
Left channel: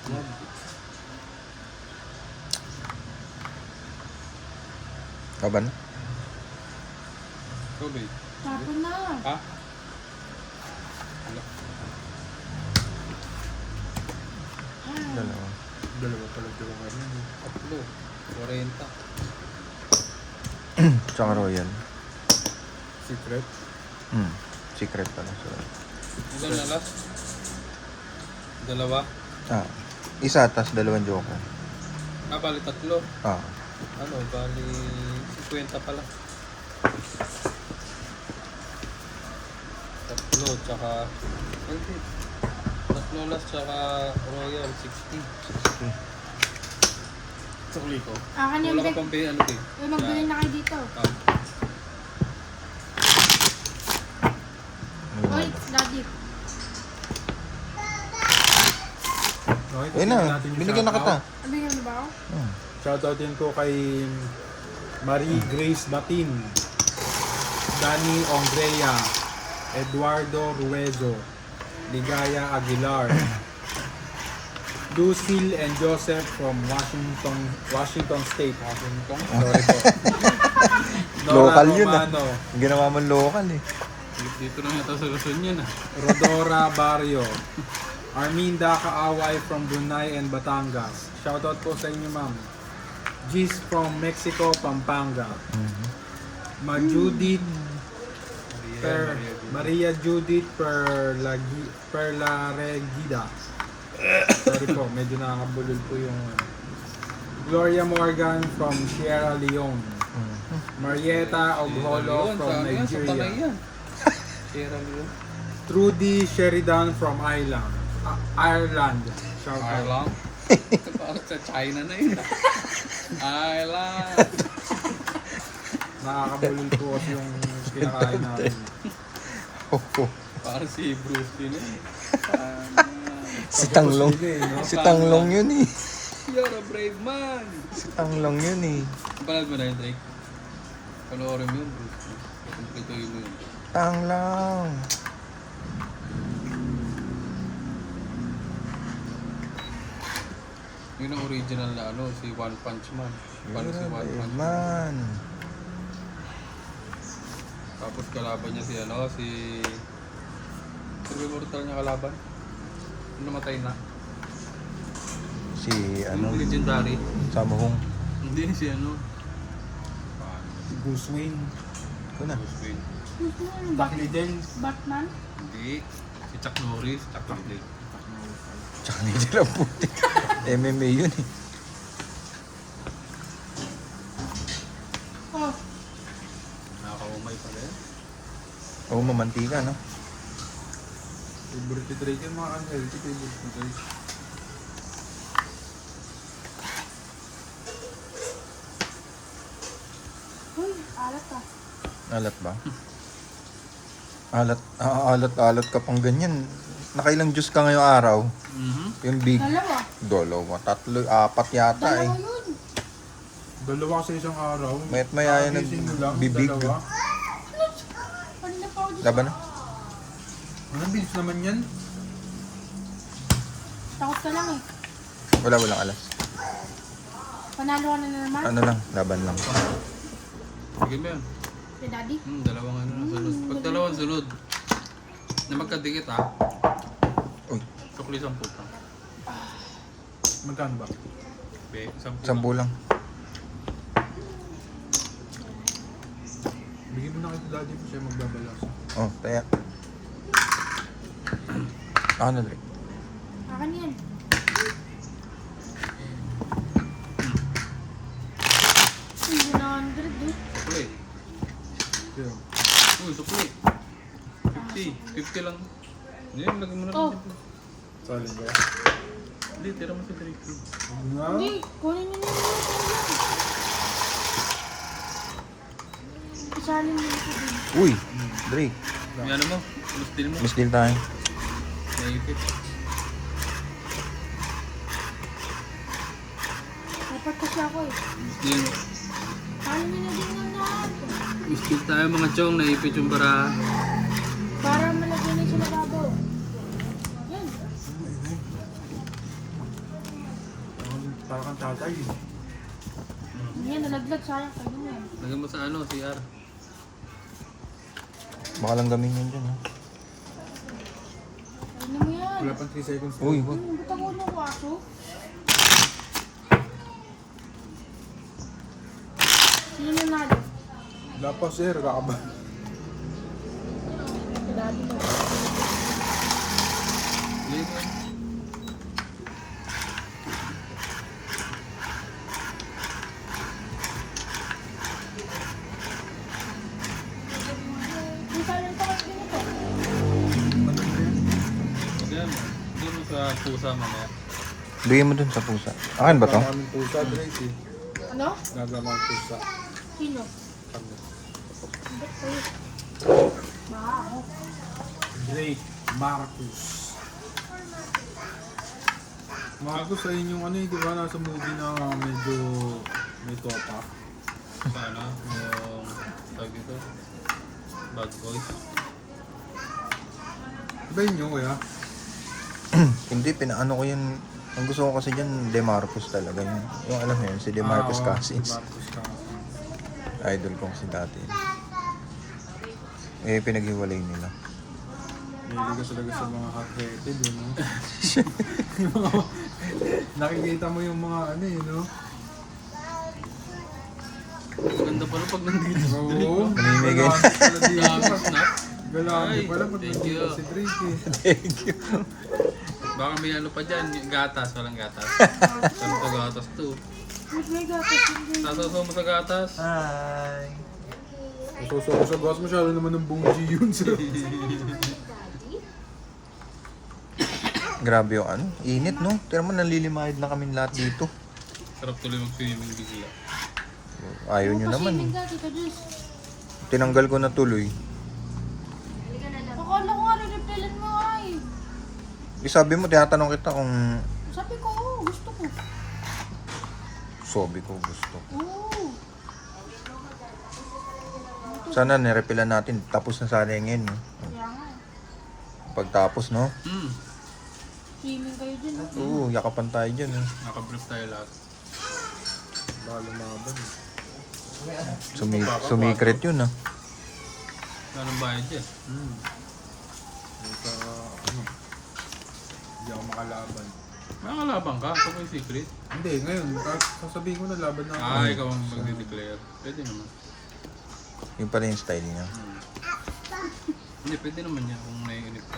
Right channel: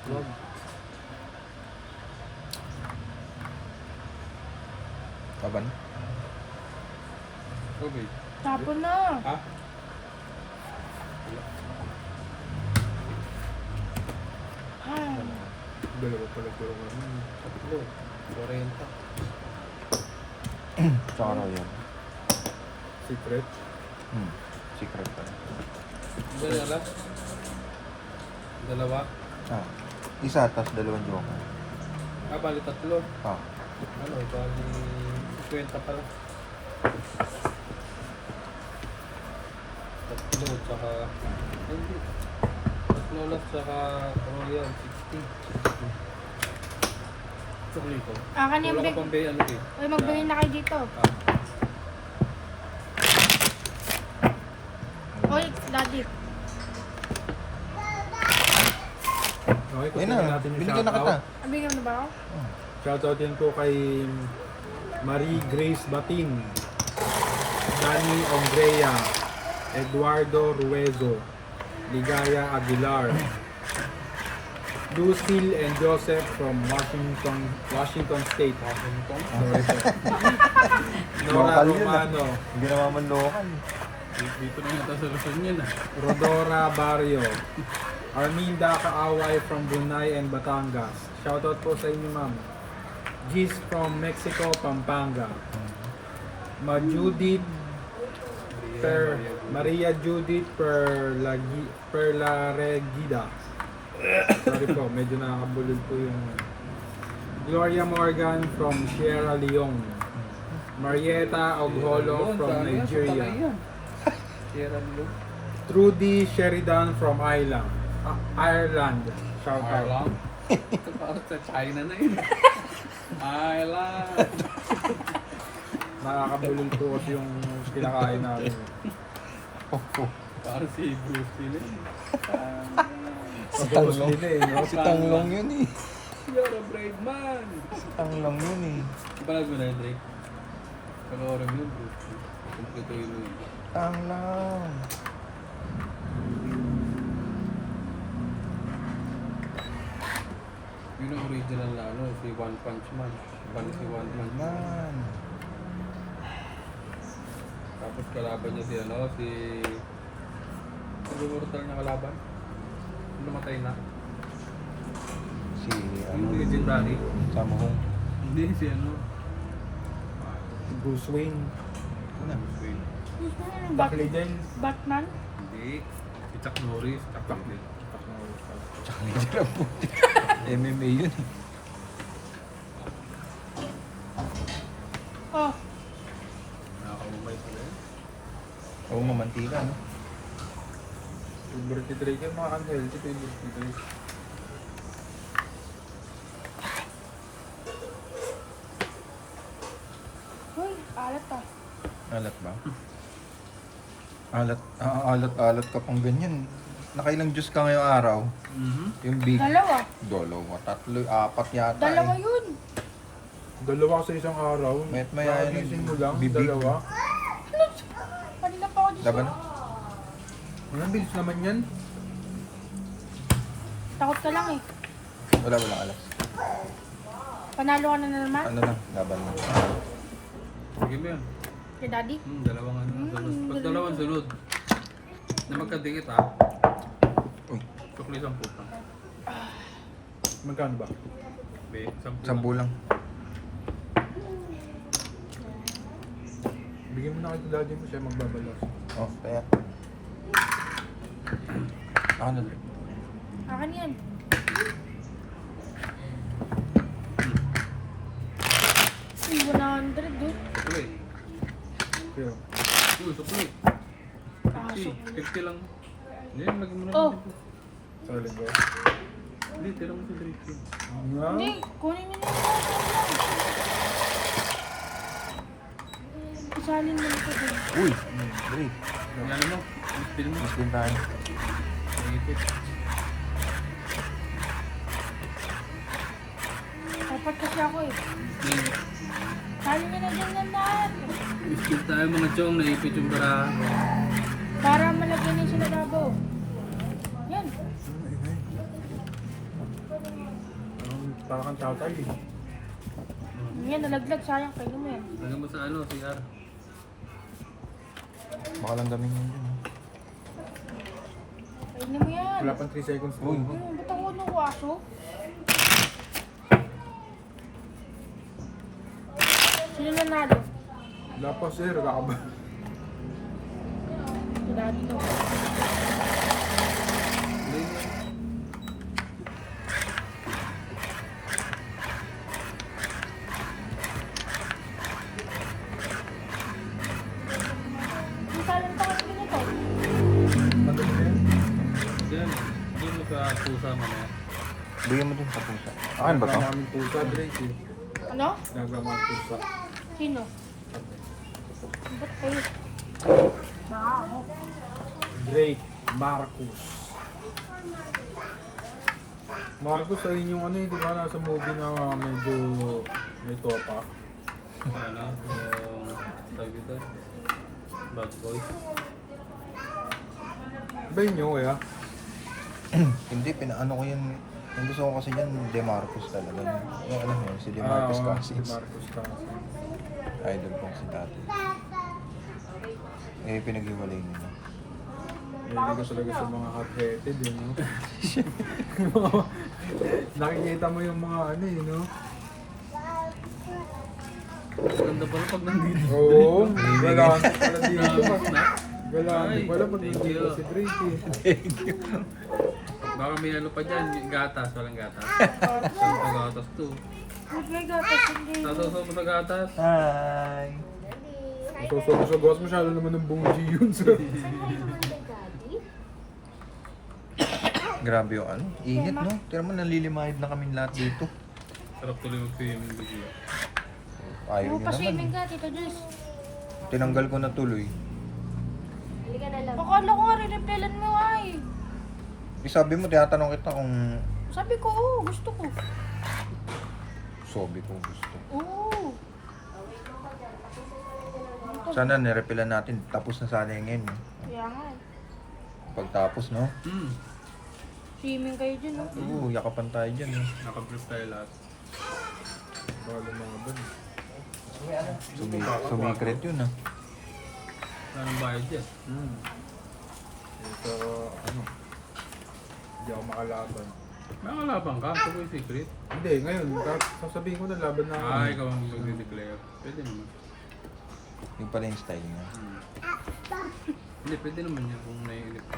Wag. Kaban? Ikaw, babe. Tapon na. Ha? Dalawa pala joker. Tatlo. 40. Tsaka royal. Secret. Secret pala. Dalawa. Dalawa. Isa, tas dalawang joker. Bali tatlo. Ano, bali 50 pala. Tatlo, tsaka... Hindi. Tatlo lang, tsaka royal, 60. Sukli ko. Akan yung Wala break. ka pang ano eh. Ay, magbili na kayo dito. Oy, daddy. Okay, Uy tingnan na, natin yung binigyan na kita. shoutout. Nabigyan mo na ba ako? Shoutout din ko kay Marie Grace Batin, Danny Ongrea, Eduardo Ruezo, Ligaya Aguilar, Lucille and Joseph from Washington State. Sorry po. Nora Local yun, Romano, Ginawa man local eh. Dito na nata sa Luzon yan ah. Rodora Barrio, Arminda Kaaway from Brunei and Batangas. Shoutout po sa inyo, ma'am. Gis from Mexico, Pampanga. Maria Judith Perlaregida. Sorry po, medyo nakakabulol po yung Gloria Morgan from Sierra Leone. Marietta Ogholo from Nigeria. Sierra Leone. Trudy Sheridan from Ireland. Shout out. Alam. Bakit sa China na yun? Island. Nakakabulol po kasi yung kinakain natin. Parang si Bruce Lee. Si Tanglong. No? Si Tanglong yun eh. You're a brave man. Si Tanglong yun eh. Panood mo na yun, Drake? Panoorin mo yun, Bruce Lee. Kumpletuhin mo yun. Tanglong. Yun ang original na ano, si One Punch Man. Paano si One Punch Man? Man. Tapos kalaban niya si ano, si... Sino yung mortal niya kalaban? Yung namatay na. Si ano? Yung legendary. Samuhong. Hindi, si ano. Bruce Wayne. Ito na. Bruce Wayne. Duck Legends. Batman? Hindi. Si Chuck Norris. Chuck Norris. Tsaka ninja lang puti. MMA yun eh. Oh, Nakakumay pala yun. Oo, mamantika no? Favorite Drake yan mga unhealthy. Favorite Drake. uy, alat ah. Alat ba? Alat ka pang ganyan. Nakailang juice ka ngayong araw? Yung big. Dalawa. Tatlo, apat yata eh. Dalawa yun. Dalawa sa isang araw. Mayat maya yan Nakagising mo lang, bibig. dalawa. Kanina pa ako dito. Laban na? Anong bilis naman yan? Takot ka lang eh. Walang alas. Panalo ka na naman. Ano lang, laban lang. Sige mo yan. Kay daddy. Dalawang ano, sunod. Pag dalawang sunod, na magkadikit ha, Uy, sukli 10 puto. Magkano ba? Be, 10 sampu lang. Bigyan mo na kay daddy mo siya magbabalas. Oh, kaya. Ako na ulit. Akan yan. Uy, 100 doon. Sukli. Kaya, Sukli. 50 lang. Hindi, lagyan mo na Oh. lang dito. salin ko. Hindi, tira mo sa Drake yun. Nga? Hindi, kunin niyo na. Isalin mo ito doon. Uy, Drake. May ano mo, steal mo, Mas deal tayo. naipit. Dapat kasi ako eh. Steal. Salin niyo na dyan ng lahat. Steal tayo mga chong, naipit yung bara. Para malagyan niyo sila bago. Yan. Para kang tatay eh. Yan, nalaglag. Sayang, kayo mo yan. Lagyan mo sa ano, CR. Baka lang gamin yun dyan. Kainin mo yan. Wala pang 3 seconds. Uy. Ba't ako yung aso? Sino nanalo? Wala pa sir, kakaba. Lagi mo. Hindi ka rin tawagin ito. Ano ba yan? Yan. Doon mo sa pusa mo na. Bigay mo dun sa pusa. Akin ba to? Gagawa kaming tusa, Drake eh. Ano? Gagawa tusa. Sino? Kami. Baka ako. Drake Marcus. Marcus ay inyong ano eh, di ba? Nasa movie na medyo may topa. Ano? Yung tawag dito? Bad boys. Ba yun yun kaya? Hindi, pinaano ko yun. Ang gusto ko kasi dyan, DeMarcus talaga. Yung alam mo yun, si DeMarcus oo, Cousins. Si Marcus Cousins. Idol ko kasi dati. Eh, pinaghiwalay nila. Hindi ka talaga sa mga hot-headed, you know? Nakikita mo yung mga ano, you know? Ganda pala pag nandito. Oo, galante pala dito. Tapos na. Galante Ay, pala pag thank nandito you. si Drake eh. Baka may ano pa dyan, gatas, walang gatas. Saan pa gatas to? May gatas hindi. Sasasaw mo sa gatas. Hi! Masusaw sa gas, masyado naman ng bougie yun sir. Grabe yung ano. Init, no? Tira mo, nalilimahid na kaming lahat dito. Sarap tuloy mag-swimming bigla. Ayaw nyo naman eh. Paswimming ka, Tito Jess. Tinanggal ko na tuloy. Akala ko nga rin-repelan mo ay. Eh, sabi mo, tinatanong kita kung Sabi ko, oo, gusto ko. sabi ko gusto. Oo. Sana nirepilan natin. Tapos na sana yung ngayon. Kaya nga. Pagtapos, no? Swimming kayo dyan, no? Oo, yakapan tayo dyan eh. Naka-brief tayo lahat. Baka lumaban. Sumikret yun ah. Anong bayad dyan? Ito, ano, hindi ako makalaban. Nakalaban ka? Ito yung secret. Hindi, ngayon, sasabihin ko na laban na ako. Ikaw ang mag-declare. Pwede naman. Yung pala yung style niya. Hindi, pwede naman yan kung may inip ka.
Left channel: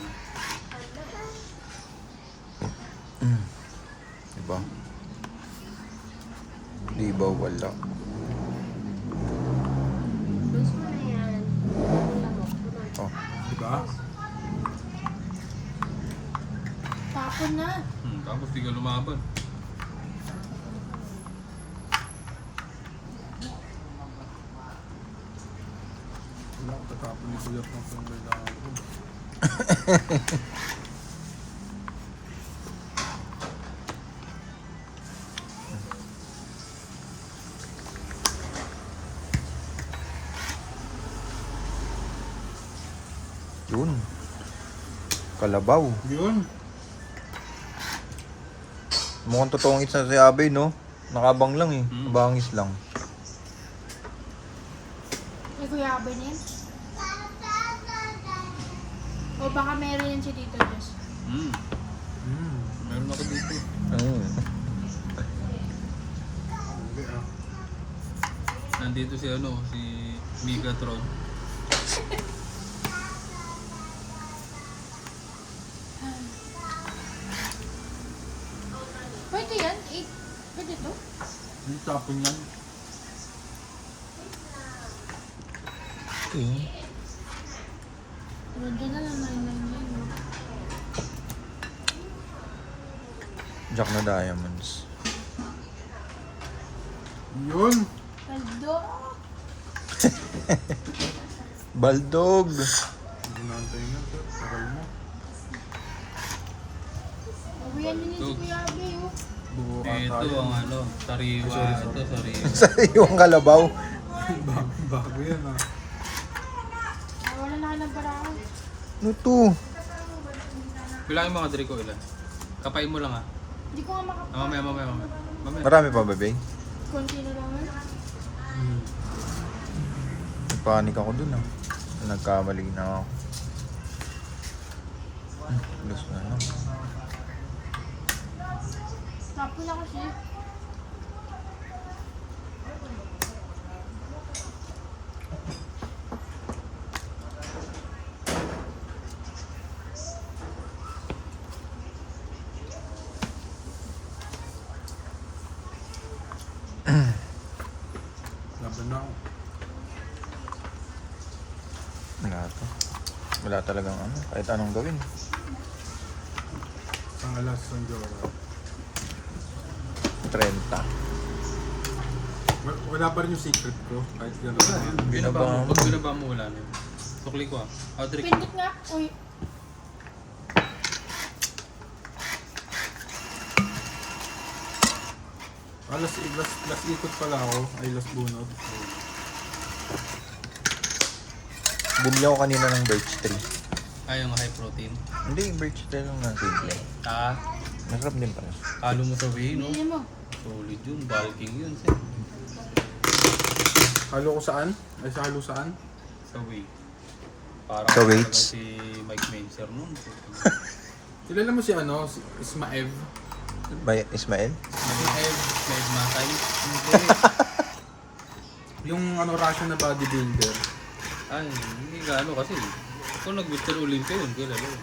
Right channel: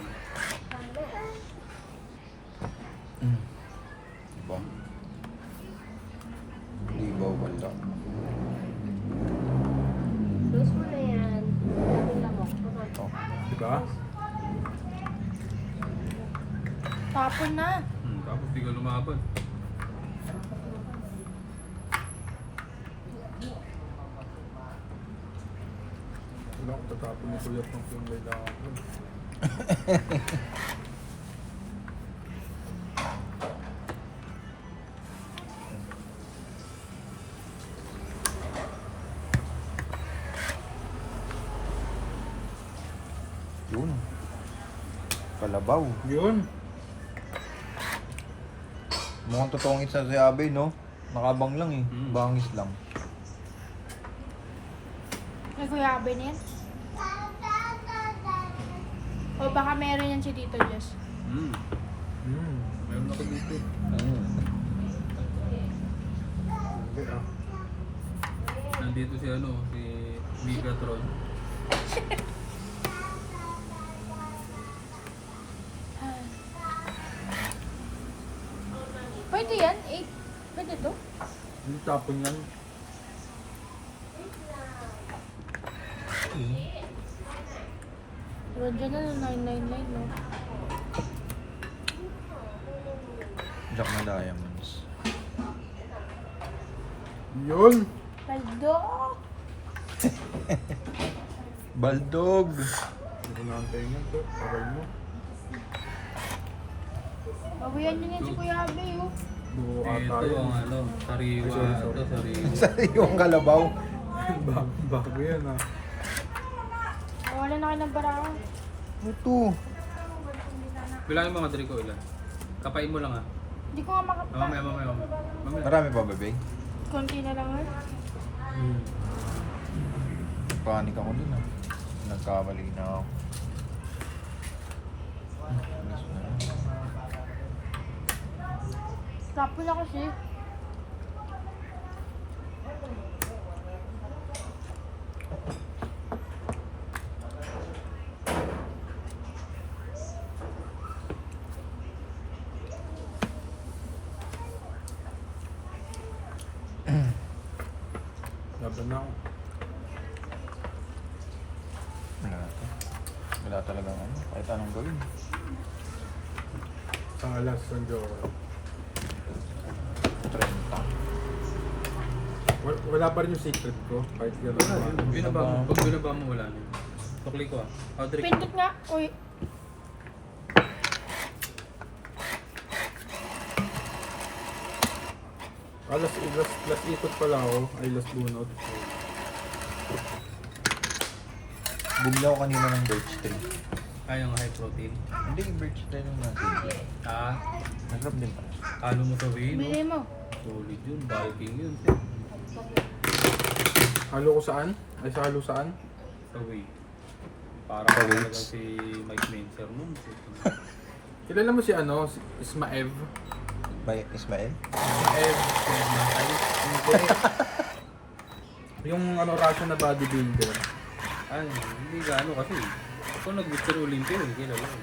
Diba? Di ba wala? Oh. Diba? Tapon na. Tapos di ka lumaban. Wala akong tatapon ni Kuya Frank yung kailangan ko. Yun. Kalabaw. Yun. Mukhang totoong isa si Abe, no? Nakabang lang eh. Bangis lang. May kuyabe na yan. O baka meron yan si Tito Jess. Meron ako dito. Hindi ah. Nandito si ano, si Megatron. Pwede yan? Pwede to? Hindi tapon yan. Pwede na 999 no? Jack na diamonds. Yun. Paldo! Baldog! Hindi ko naantayin yan sir. Tagal mo. Abuyan nyo na si Kuyabe oh. Buo Ito ata yan. ang ano, sariwa. Ay, sorry. Ito, sariwa. Sa yung kalabaw. Bago yan ah. Wala na ka ng baraan. Ano to? Bilangin mo ka, Drico, ilan? Kapain mo lang ah. Hindi ko nga Mamaya. Mamaya. Marami pa, babe? Kunti na lang eh. Nagpanik ako dun ah. Nagkamali na ako. Alas na. Tapo na kasi. Laban na ako. Wala to. Wala talagang ano. Kahit anong gawin. Isang alas ng Joker. 30. Wala pa rin yung secret ko. Kahit gano'n. Binaba mo. Pag binaba mo, wala na yun. Tukli ko ah. Padrik. Pindot nga. Uy. Last ikot pala ako. Ay, last bunot. Bumili ako kanina ng birch tree. Ah, yung high protein. Hindi, birch tree lang na simple. Ah, Masarap din pala. kalo mo sabihin, no? Bili mo. Solid yun. Bulking yun. Sir. Halo ko saan? Ay, sa halo saan? Sa weight. Parang Sa talaga weights? si Mike Menzer nun. Kilala mo si ano? Si Ismaev? By Ismael? Ismaev. Hindi. Yung ano, Russian na bodybuilder. Ay, hindi ka ano kasi. Kung nag-Mr. Olympia yun, kilala yun.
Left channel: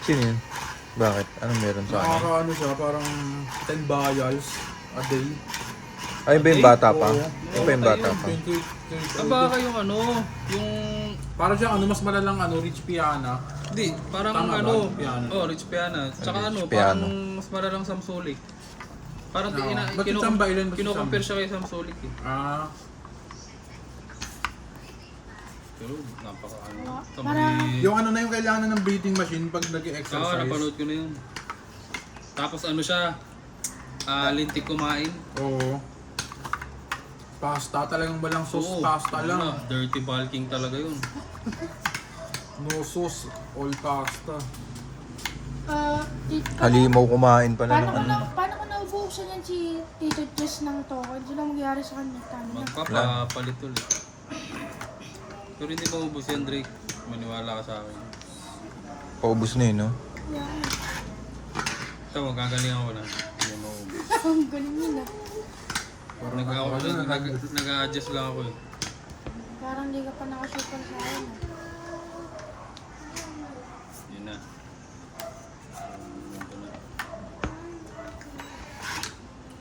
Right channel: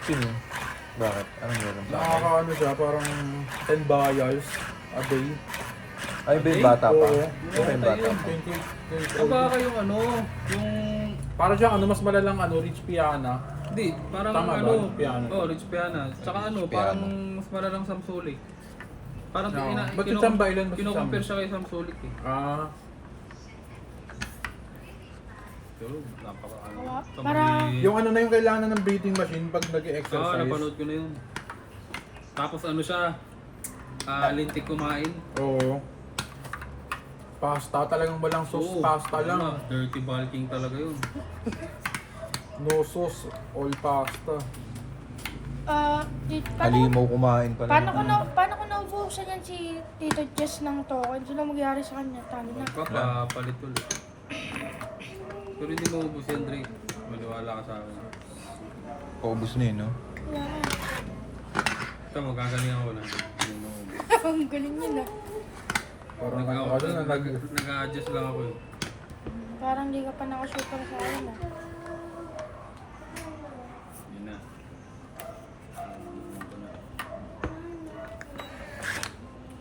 Sino yun? Bakit? Anong meron sa akin? Nakakaano siya, parang 10 vials a day. Ay, ba yung bata pa? Oo. Ay, ba yung bata pa? 28 years Ah, old. baka yung ano, yung... Parang siyang ano, mas malalang ano, Rich Piana. Hindi, parang Tama ba? ano... Piano. Oh, Rich Piana. Tsaka Rich ano, Piano. parang mas malalang Samsulik. Parang Oo. Ba't si Chamba? Ilan ba si kino-compare Chamba? siya kay Samsulik eh. Ah, Pero napaka ano. Parang- yung ano na yung kailangan na ng breathing machine pag Oo, nag-exercise. napanood ko na yun. Tapos ano siya, lintik kumain. Oo. Pasta, talagang walang sauce, Oo, pasta lang. ano, dirty bulking talaga yun. No sauce, all pasta. Halimaw kumain pala. Paano ko naubusan yan si Tito Jess ng to? Ano lang magyari sa kanya? Tama na. Magpapalit ulit. Pero hindi mo ubus yan, Drake. Maniwala ka sa akin. Paubos na yun, no? Ito, magkagaling ako na. Hindi mo ubus. Ang galing yun ah. Parang ano ka doon, Nag-adjust lang ako yun. Parang hindi ka pa nakasuper sa akin ah. Yun na.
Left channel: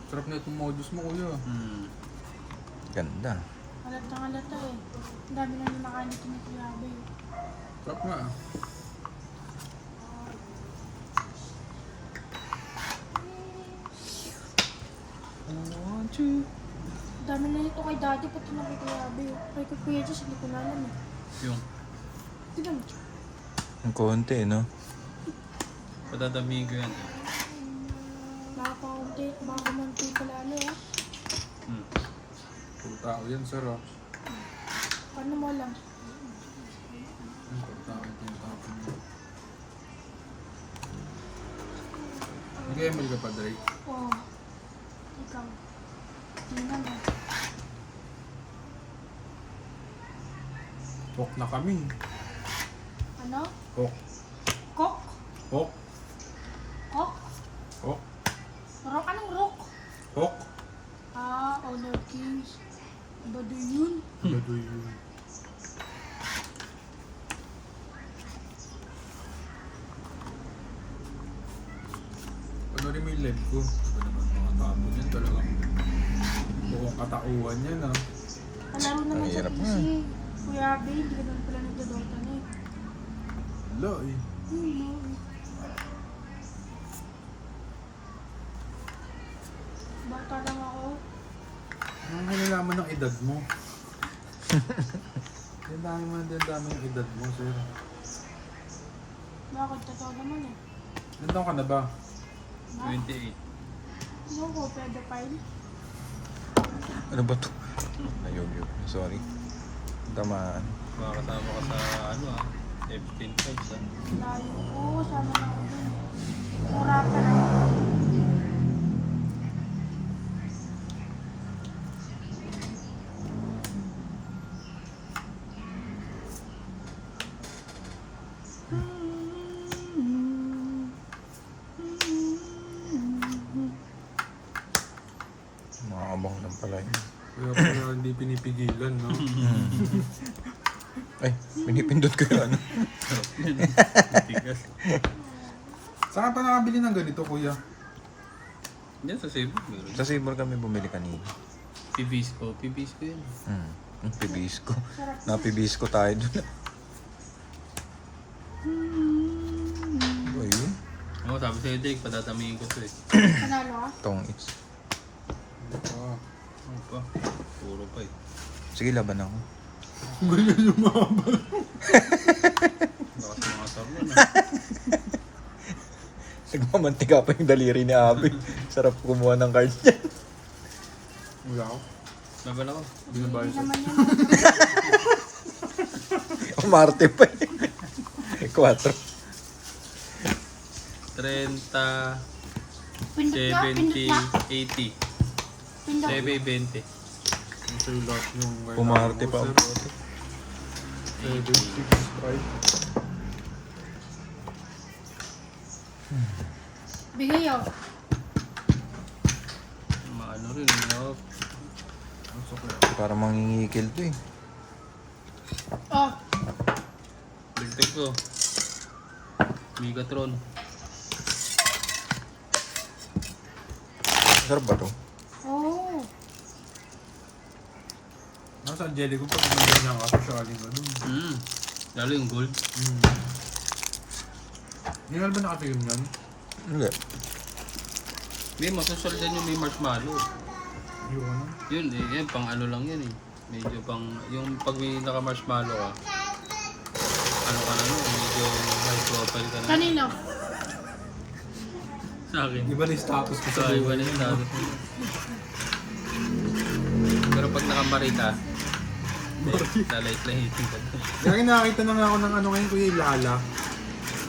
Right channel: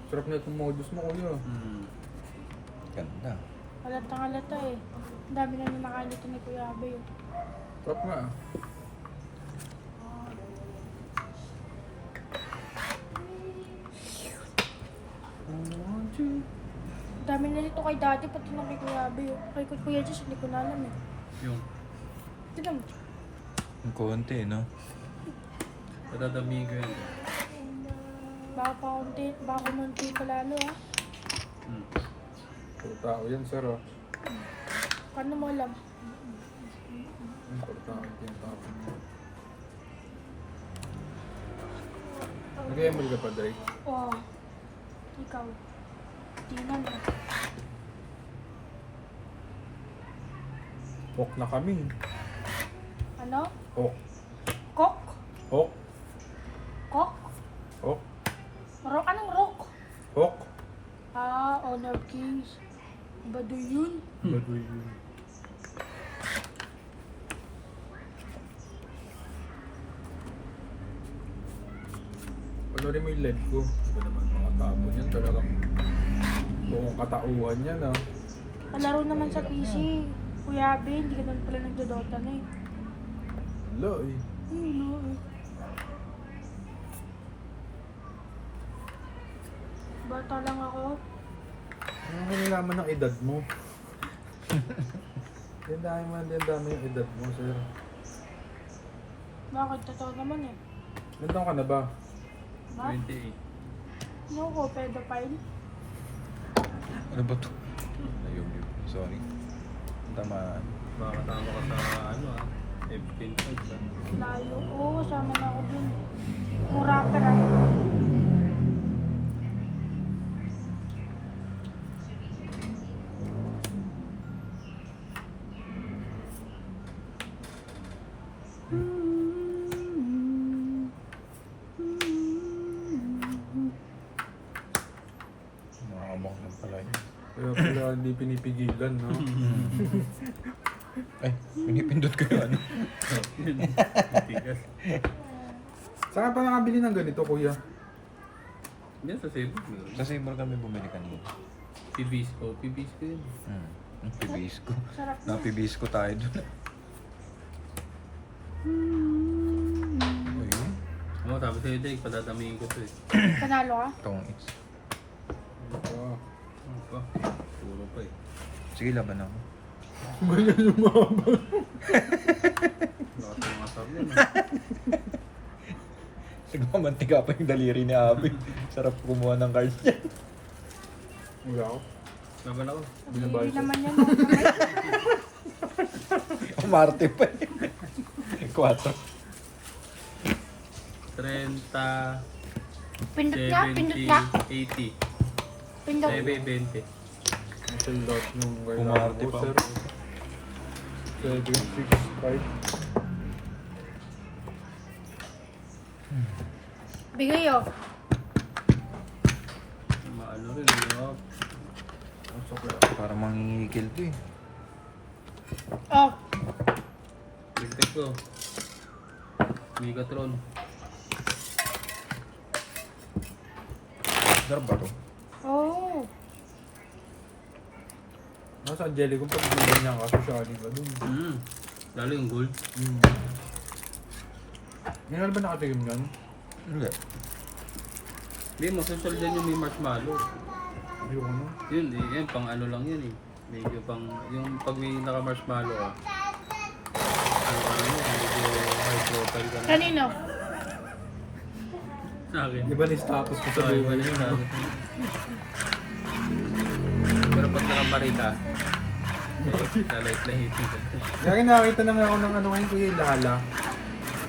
sarap na itong modus mo, kuya. Ganda. Halatang halata eh. Ang dami na yung nakalito ni Kuya Abe. Sarap nga. Ang dami na nito kay Daddy, pati na kay Kuya Abe. Kay Kuya Jess, hindi ko na alam eh. Yung, Tignan mo. Ang konti, no? patatabi ko yan. Baka kumunti pala ano ah. Puro tao yan, sir. Oh. Paano mo alam? Puro tao yan, tapon mo. Nag-ML ka pa, Drake? Oo. Ikaw. Tingnan mo. Hawk na kami. Ano? Hawk. Kok? Hawk. Kok? Hawk. Rock? Anong rock? Hawk. Honor Kings. Ba doon yun? Baduy yun. Ano rin may lead ko? Ano naman mga tapon yan talagang buong katauhan yan ah. Malaro naman sa Mahirap PC. Kuya Abe, hindi ka naman pala nagdodota na eh. Wala eh. Bata lang ako. Ano nilalaman ng edad mo? Yan dami yung edad mo, sir. Bakit? Totoo naman eh. Ilan taon ka na ba? 28. Yung ko, pedophile. Ano ba to? Ayun. Sorry. Tamaan. Makakasama ka sa ano ah. Epstein fights ah. Layo ko, sama na ako din. Rapper ako. di pinipigilan, no? Ay, pinipindot ko yun. Tigas. Saan pa nakabili ng ganito, kuya? Yan sa Cebu. meron. Sa Sibor kami bumili kanina. Pibisco yun. Pibisco. Napibisco tayo dun. Ayun. Oo, tapos sa'yo, Dave, patatamihin ko to eh. Panalo ka? Tong X. Wow. Ano pa? Puro pa eh. Sige, laban ako. Ganyan yung mahaba. Lakas ng asar yan. Nagmamantika pa yung daliri ni Abby. Sarap kumuha ng cards niya. Wala ako. Laban ako. Binabayos Hindi siya. naman yan. Umarte pa eh. 4. 30, Pindot ka, pindot 70, ka. 80. Pindot. 7, 20. Ang sa'yo lahat yung Umarte pa. sir. 7, 6, 5. Bigay oh. Maano rin, no? Ang sukla. Para mangingikil to eh. Oh. Dagdag ko. Megatron. Sarap ba to? Oh. Nasa Angelico pag bigyan niya ka, socialing ka dun. Lalo yung gold. Ngayon ba nakatikim yan? Hindi. Hindi, masocial din yung may marshmallow. Ayoko na. Yun, eh, yan, pang ano lang yun eh. Medyo pang, yung pag may naka-marshmallow ka, ang ano yun, medyo high profile ka na. Kanino? Sa akin. Iba na yung status ko sa Sa iba buhay. na yun, sabi ko. Pero pag nakamari ka, lalait-lahitin ka. Kaya nakakita na nga ako ng ano ngayon, kuya, Lala.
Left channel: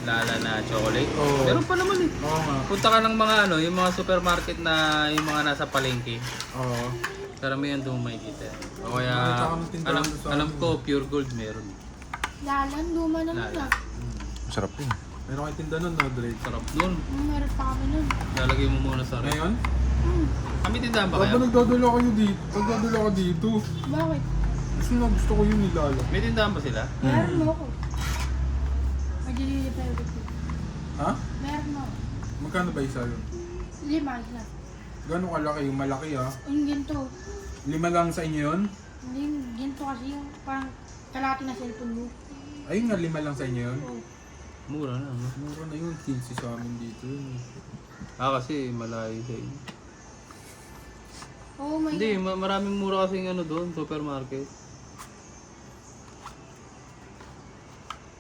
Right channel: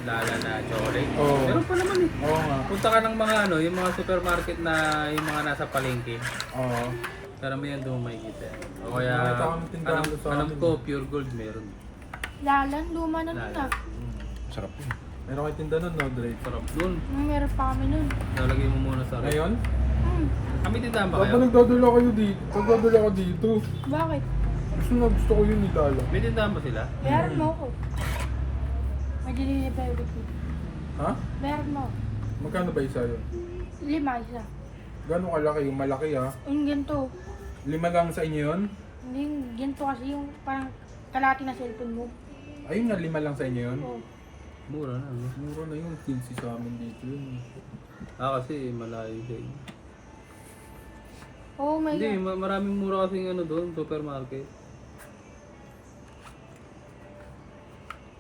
Lala na chocolate. Oo. Meron pa naman eh. Oo nga. Punta ka ng mga ano, yung mga supermarket na yung mga nasa palengke. Oo. Karamihan doon makikita. O kaya, Nakita ko ng tindahan alam, doon sa alam amin. ko, pure gold meron. Lalan, luma na nun Lala. ah. Sarap yun. Meron kayo tinda nun, no, Dre? Sarap nun. Meron pa kami nun. Lalagay mo muna sa ref. Ngayon? Kami tindahan ba Dapat kayo? nagdadala kayo dito. Nagdadala ka dito. Bakit? Gusto ko yun ni Lala. May tindahan ba sila? Meron mo ko. May delivery pa. Ha? Meron mo. Magkano ba isa yun? 5 isa. Gano'ng kalaki? Yung malaki ah. Yung ganito. 5 lang sa inyo yun? Hindi, ganito kasi yung pang kalaki na cellphone mo. Ayun nga, 5 lang sa inyo yun? Oh. Mura na, no? Mura na yun. 15 sa amin dito yun. Kasi malayo sa inyo. Oh my Hindi, God. maraming mura kasing ano doon, supermarket.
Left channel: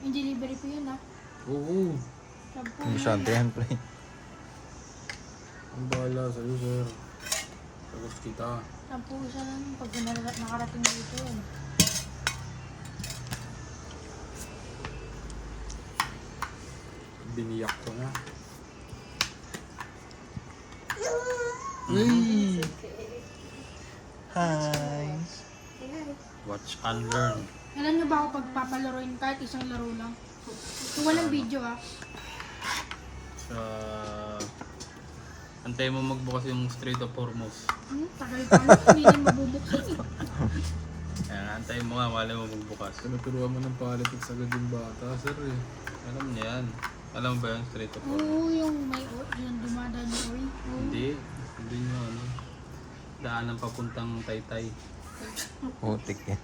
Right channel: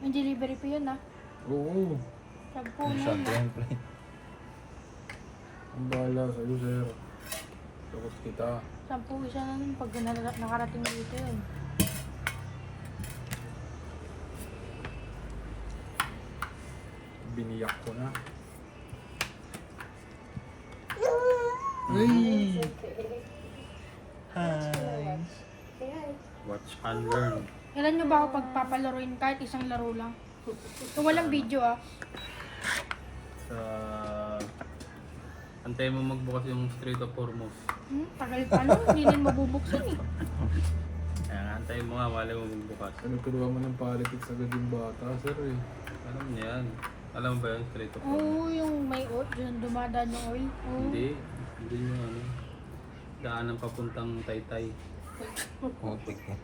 Yung delivery pa yun ah. Oo. Sampo. Hindi siya, pre. Ang bahala sa'yo, sir. Tapos kita. Sampo isa na yun pag nakarating dito yun. Biniyak ko na. Ay! Hi. Watch and learn. Kailan nyo ba ako pagpapalaroin kahit isang laro lang? Kung walang video ah. Antay mo magbukas yung Strait of Hormuz. Tagal pa lang, hindi na mabubuksan eh. Ayan, antayin mo nga, wala mo magbukas. Tinuturuan mo ng politics agad yung bata, sir eh. Alam niya yan. Alam mo ba yung Strait of Hormuz? Oo, yung may yung dumadaan na oil. Oo. Hindi nyo ano. Daanan papuntang Taytay. Putik eh.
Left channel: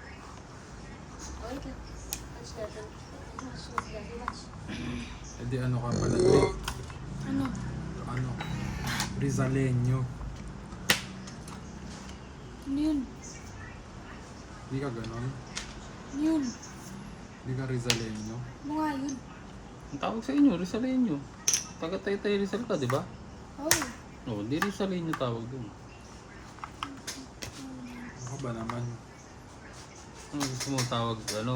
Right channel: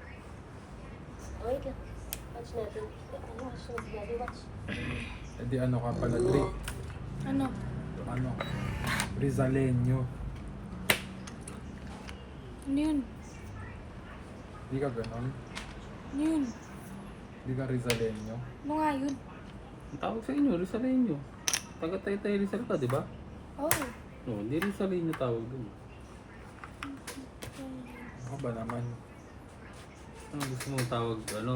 E di ano ka pala, Dre? Ano? Ano? Rizaleño. Ano yun? Di ka ganon? Ano yun? Di ka Rizaleño? Ano nga yun? Ang tawag sa inyo, Rizaleño. Taga Taytay Rizal ka, di ba? Oo. No, hindi Rizaleño tawag dun. Ako ba naman? Ang gusto mo tawag, ano?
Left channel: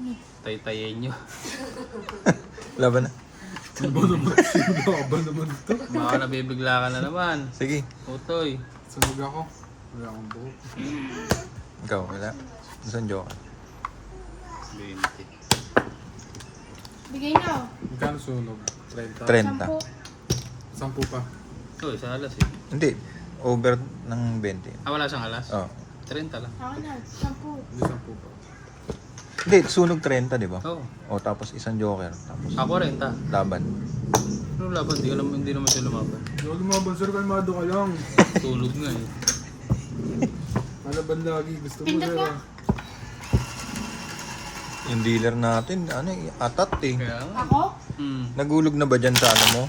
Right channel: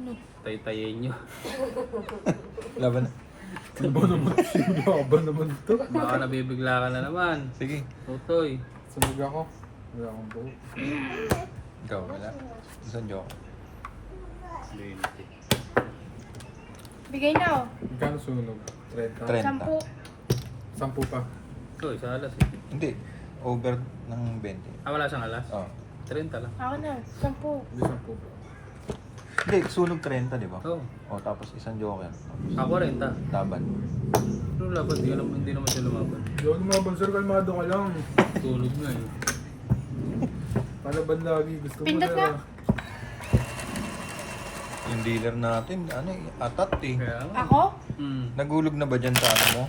Ano? Taytayenyo. Laban na. Ano ba naman? Sino ba naman ito? Baka nabibigla ka na naman. Sige. Utoy. Sunog ako. Wala akong buo. Ikaw, wala. Saan joke? 20. Bigay na oh. Magkano sunog? 30? 30. 10 pa. Oh, sa alas eh. Hindi. Over ng 20. Wala siyang alas? Oh. 30 lang. Ako na, 10. Hindi 10 pa. Hindi, sunog 30, di ba? Oo. O tapos isang joker. Tapos Ako rin, ta. laban. Ano laban? Hindi naman sila lumaban. Huwag lumaban sir, kalmado ka lang. Tulog nga eh. Palaban lagi, gusto mo Pindot sir. na. Yung dealer natin, atat eh. Kaya nga. Ako? Nagulog na ba dyan sa ano mo?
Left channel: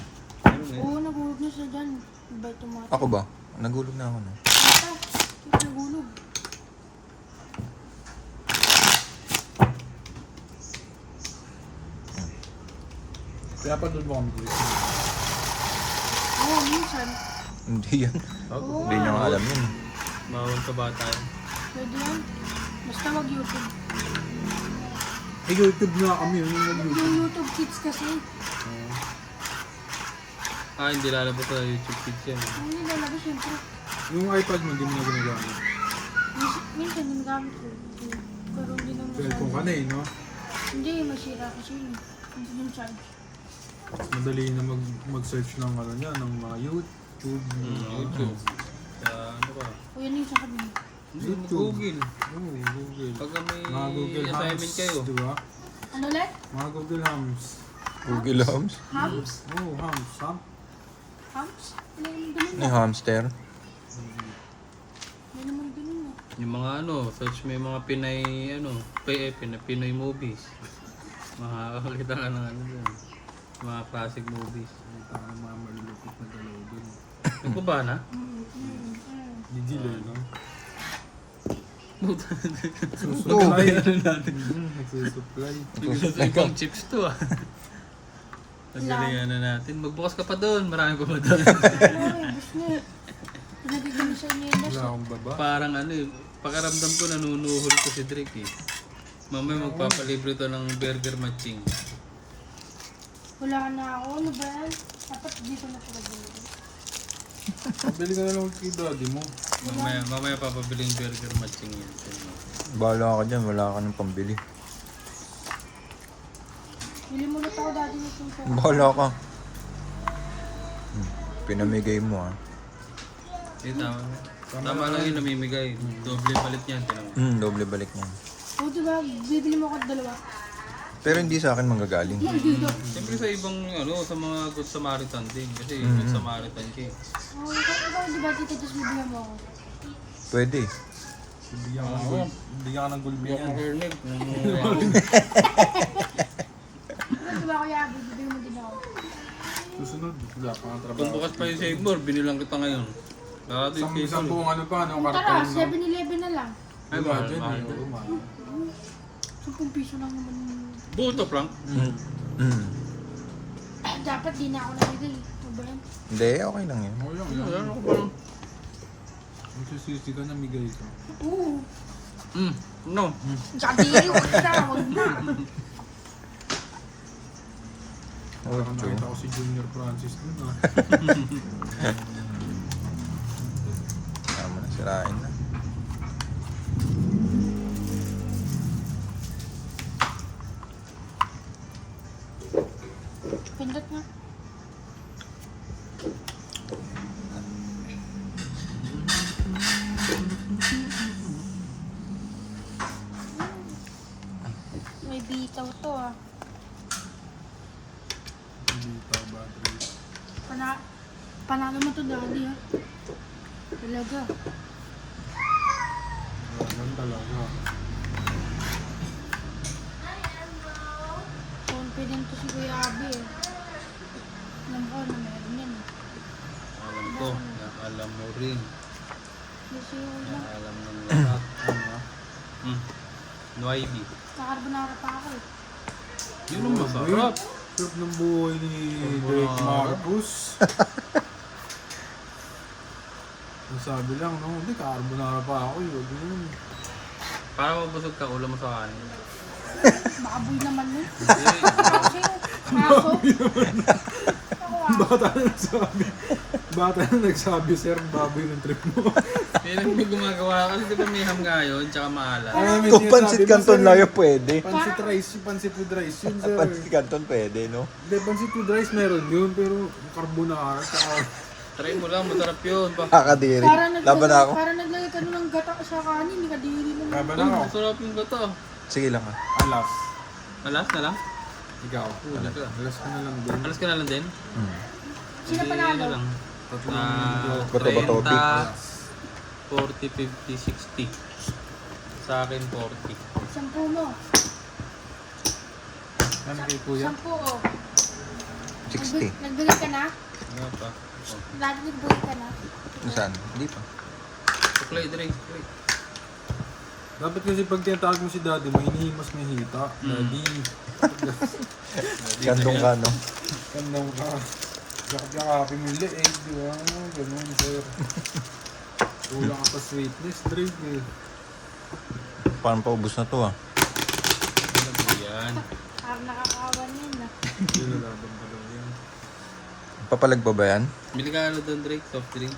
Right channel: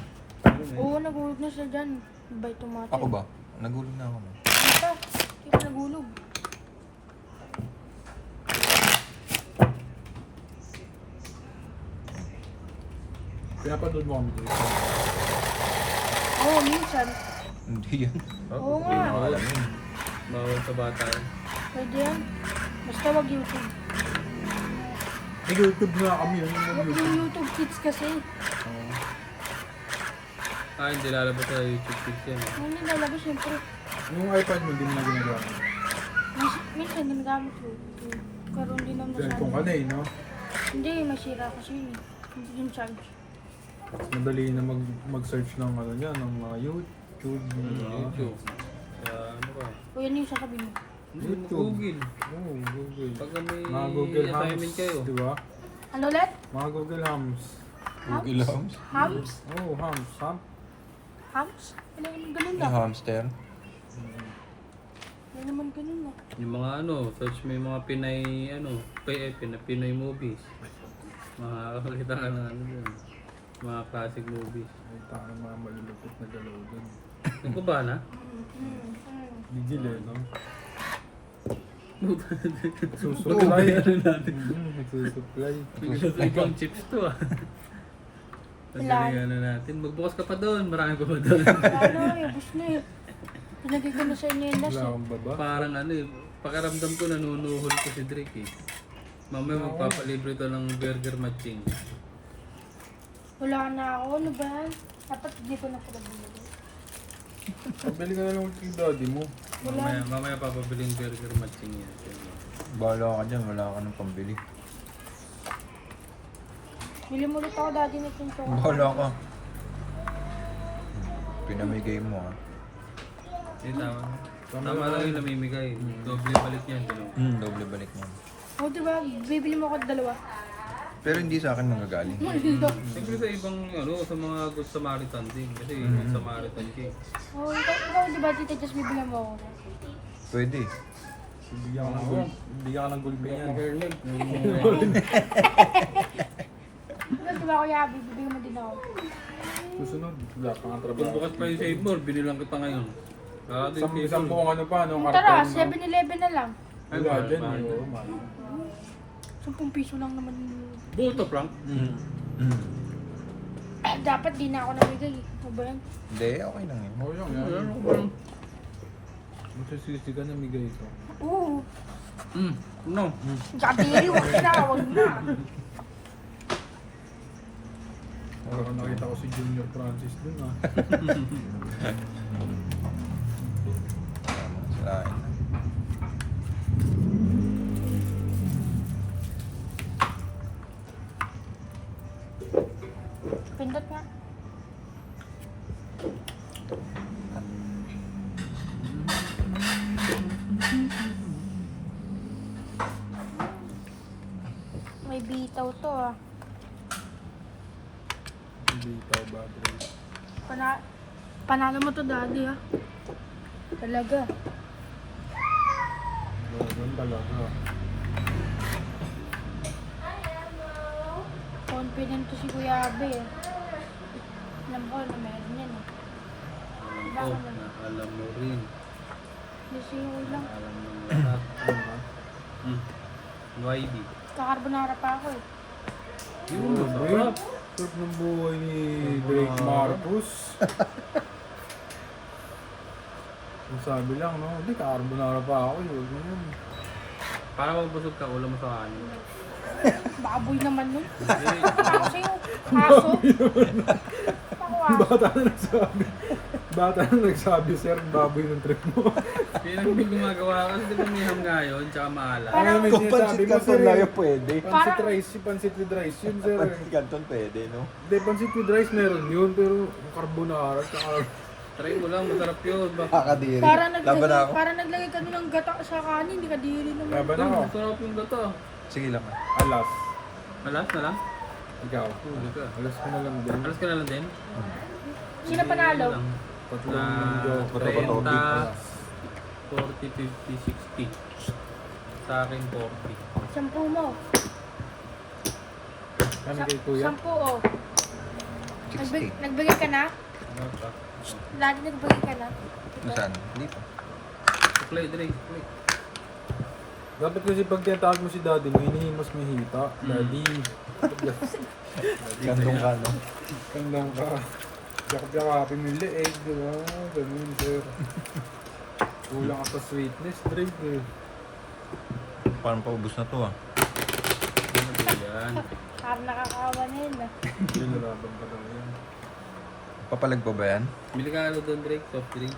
Oo, nagulog na sa dyan. Bay tumato. Ako ba? Nagulog na ako na. Ito, ito nagulog. Pinapanood mo kami dito. Oo, minsan. Hindi yan. Oo Hindi niya nga. nga alam yun. Bawal pa bata. Pwede yan. Basta wag YouTube. May YouTube nga kami yun. Wag yung YouTube Kids kasi. Hindi lalabas sa YouTube Kids yan. Hindi nalabas syempre. Yung iPad mo, hindi mo na ginagamit. Minsan ginagamit ko. Karoon din ng Cellphone ka na eh, no? Hindi, masira kasi yun. Hindi yung charge. Madali na mag-search ng ano niya, ng mga YouTube. di ba? YouTube. Kaya ano ba? O yan yung sasabihin. YouTube. Google. Oo, Google. Pag may Mga Google Hams, assignment kayo. di ba? Ano ulit? Mga Google Hams. Google Hams? Hams? Oo, Hams. Hams? Ano yung ganun Yung na? hamster? Ano naman ganun na? Yung mga search mo yung mga Pinay, Pinay movies. Makakakita ka ng ano dun. Mga classic movies. Ay, tangan mga malulupit na galaw doon. Yung ba na? Digil eh, no? Yung Susupply. Nagsusupply. ibang chips to ah. Pagdalayan na natin. Magbukas ka pa doon. Marami ko pa doon. Ano eh, gusto niya. Nagiging na sa inyo yung Wala akong baba. Parang pakaramdam ko nanunuhol ko si Drake eh. Mamaya magpapalibre to ng burger matching. Wala na ako. Ano ba yan? Dapat dito na pala din. Bili ka na lang kay daddy mo. Mamaya papabili yung burger matching yun. Bahala ka dyan, wala ka ng pambili. Bili mo ulit ako dati na itong sarap. Bahala ka. Pinamigay mo ah. Tama lang yung namimigay. Doble palit yan. Doble balik niyan. O diba, bibili mo ako dalawa. Pero hindi sa akin manggagaling. Siyempre sa ibang, sa mga Good Samaritan din. Kasi yung Samaritan siya. O, ikaw diba tita, just bibili mo ako. Pwede. Bigyan ka ng gulpi yan. Hernig. Ano diba kuya, bibili mo din ako. Susunod, wala pa ang trabaho. Pagbukas pa yung Save More, binilang kita ngayon. Isang buong ano pa, no? Tara, Karton, no? 7-Eleven na lang. Wala dyan eh. Oo, man. 10 piso lang naman. Buto lang. Dapat di na ako nabigay. Ano ba yan? Hindi, okay lang yun. Oo, yan. Ano ko ba? Magsisisi ka na migay ka. Oo. No. Sabi yun, wag na. Parang nakita ko si Junior Francis dun ah. Tama na, sirain na. Pindot na. May bitaw to ah. Hindi tao battery. Panalo mo to daddy ha. Talaga. Ganun talaga. Confident to si Kuya Abe eh. Alam ko na meron yan eh. Ito, alam mo rin. Kasi lang. Alam mo lahat. Ano ba? YB. Kakarbonara pa ako eh. Yun ang masarap. Sarap ng buhay ni Drake Marcus. Ang sabi lang, no? Hindi, carbonara pa ako. Huwag mo yun. Para mabusog ka, ulam mo sa kanin. Baboy naman yun. Hindi. Aso. Bata na nagsabi. Bata na nagsabi, sir, baboy ng trip mo. Yan ang gumagawa ko. Kasi di ba may ham nga yun, tsaka maalat. Kung pansit canton lang yun, pwede. Pancit rice, pancit with rice yun, sir. Pansit canton pwede, no? Hindi, pancit with rice meron yun, pero carbonara, tsaka... Try mo lang, masarap yun. Kakadiri. Para Laban ako. Para naglagay ka ng gata sa kanin, kadiri naman. Laban Ay, ako. masarap yung gato. Sige lang ah. Alas. Alas na lang? Ikaw. Alas ka na lang din. Alas ka na lang din? Sino panalo? Sige lang. Tatlong Ah, mundo. Bato ba to? 30, 40, 50, 60. Sa akin 40. 10 mo. Ano kay kuya? 10 oh. 60. Nagbigay ka na? Ano pa? Lahat nagbigay ka na? Nasaan? Hindi pa. Suklay, direct. Wait. Dapat kasi pag tinatawag mo si daddy mo, hinihimos may hita. Daddy. Gandong ka, no? Kandang ka. Yakap-yakapin mo yung leeg, di ba? Ganun, sir. Kulang ka sa sweetness, Drake eh. Parang paubos na to ah. Ano ba yan? Parang nakakawa niya yun ah. Nilalaban pa lang yan. Papalag pa ba yan? Bili ka ano doon, Drake? Soft drink?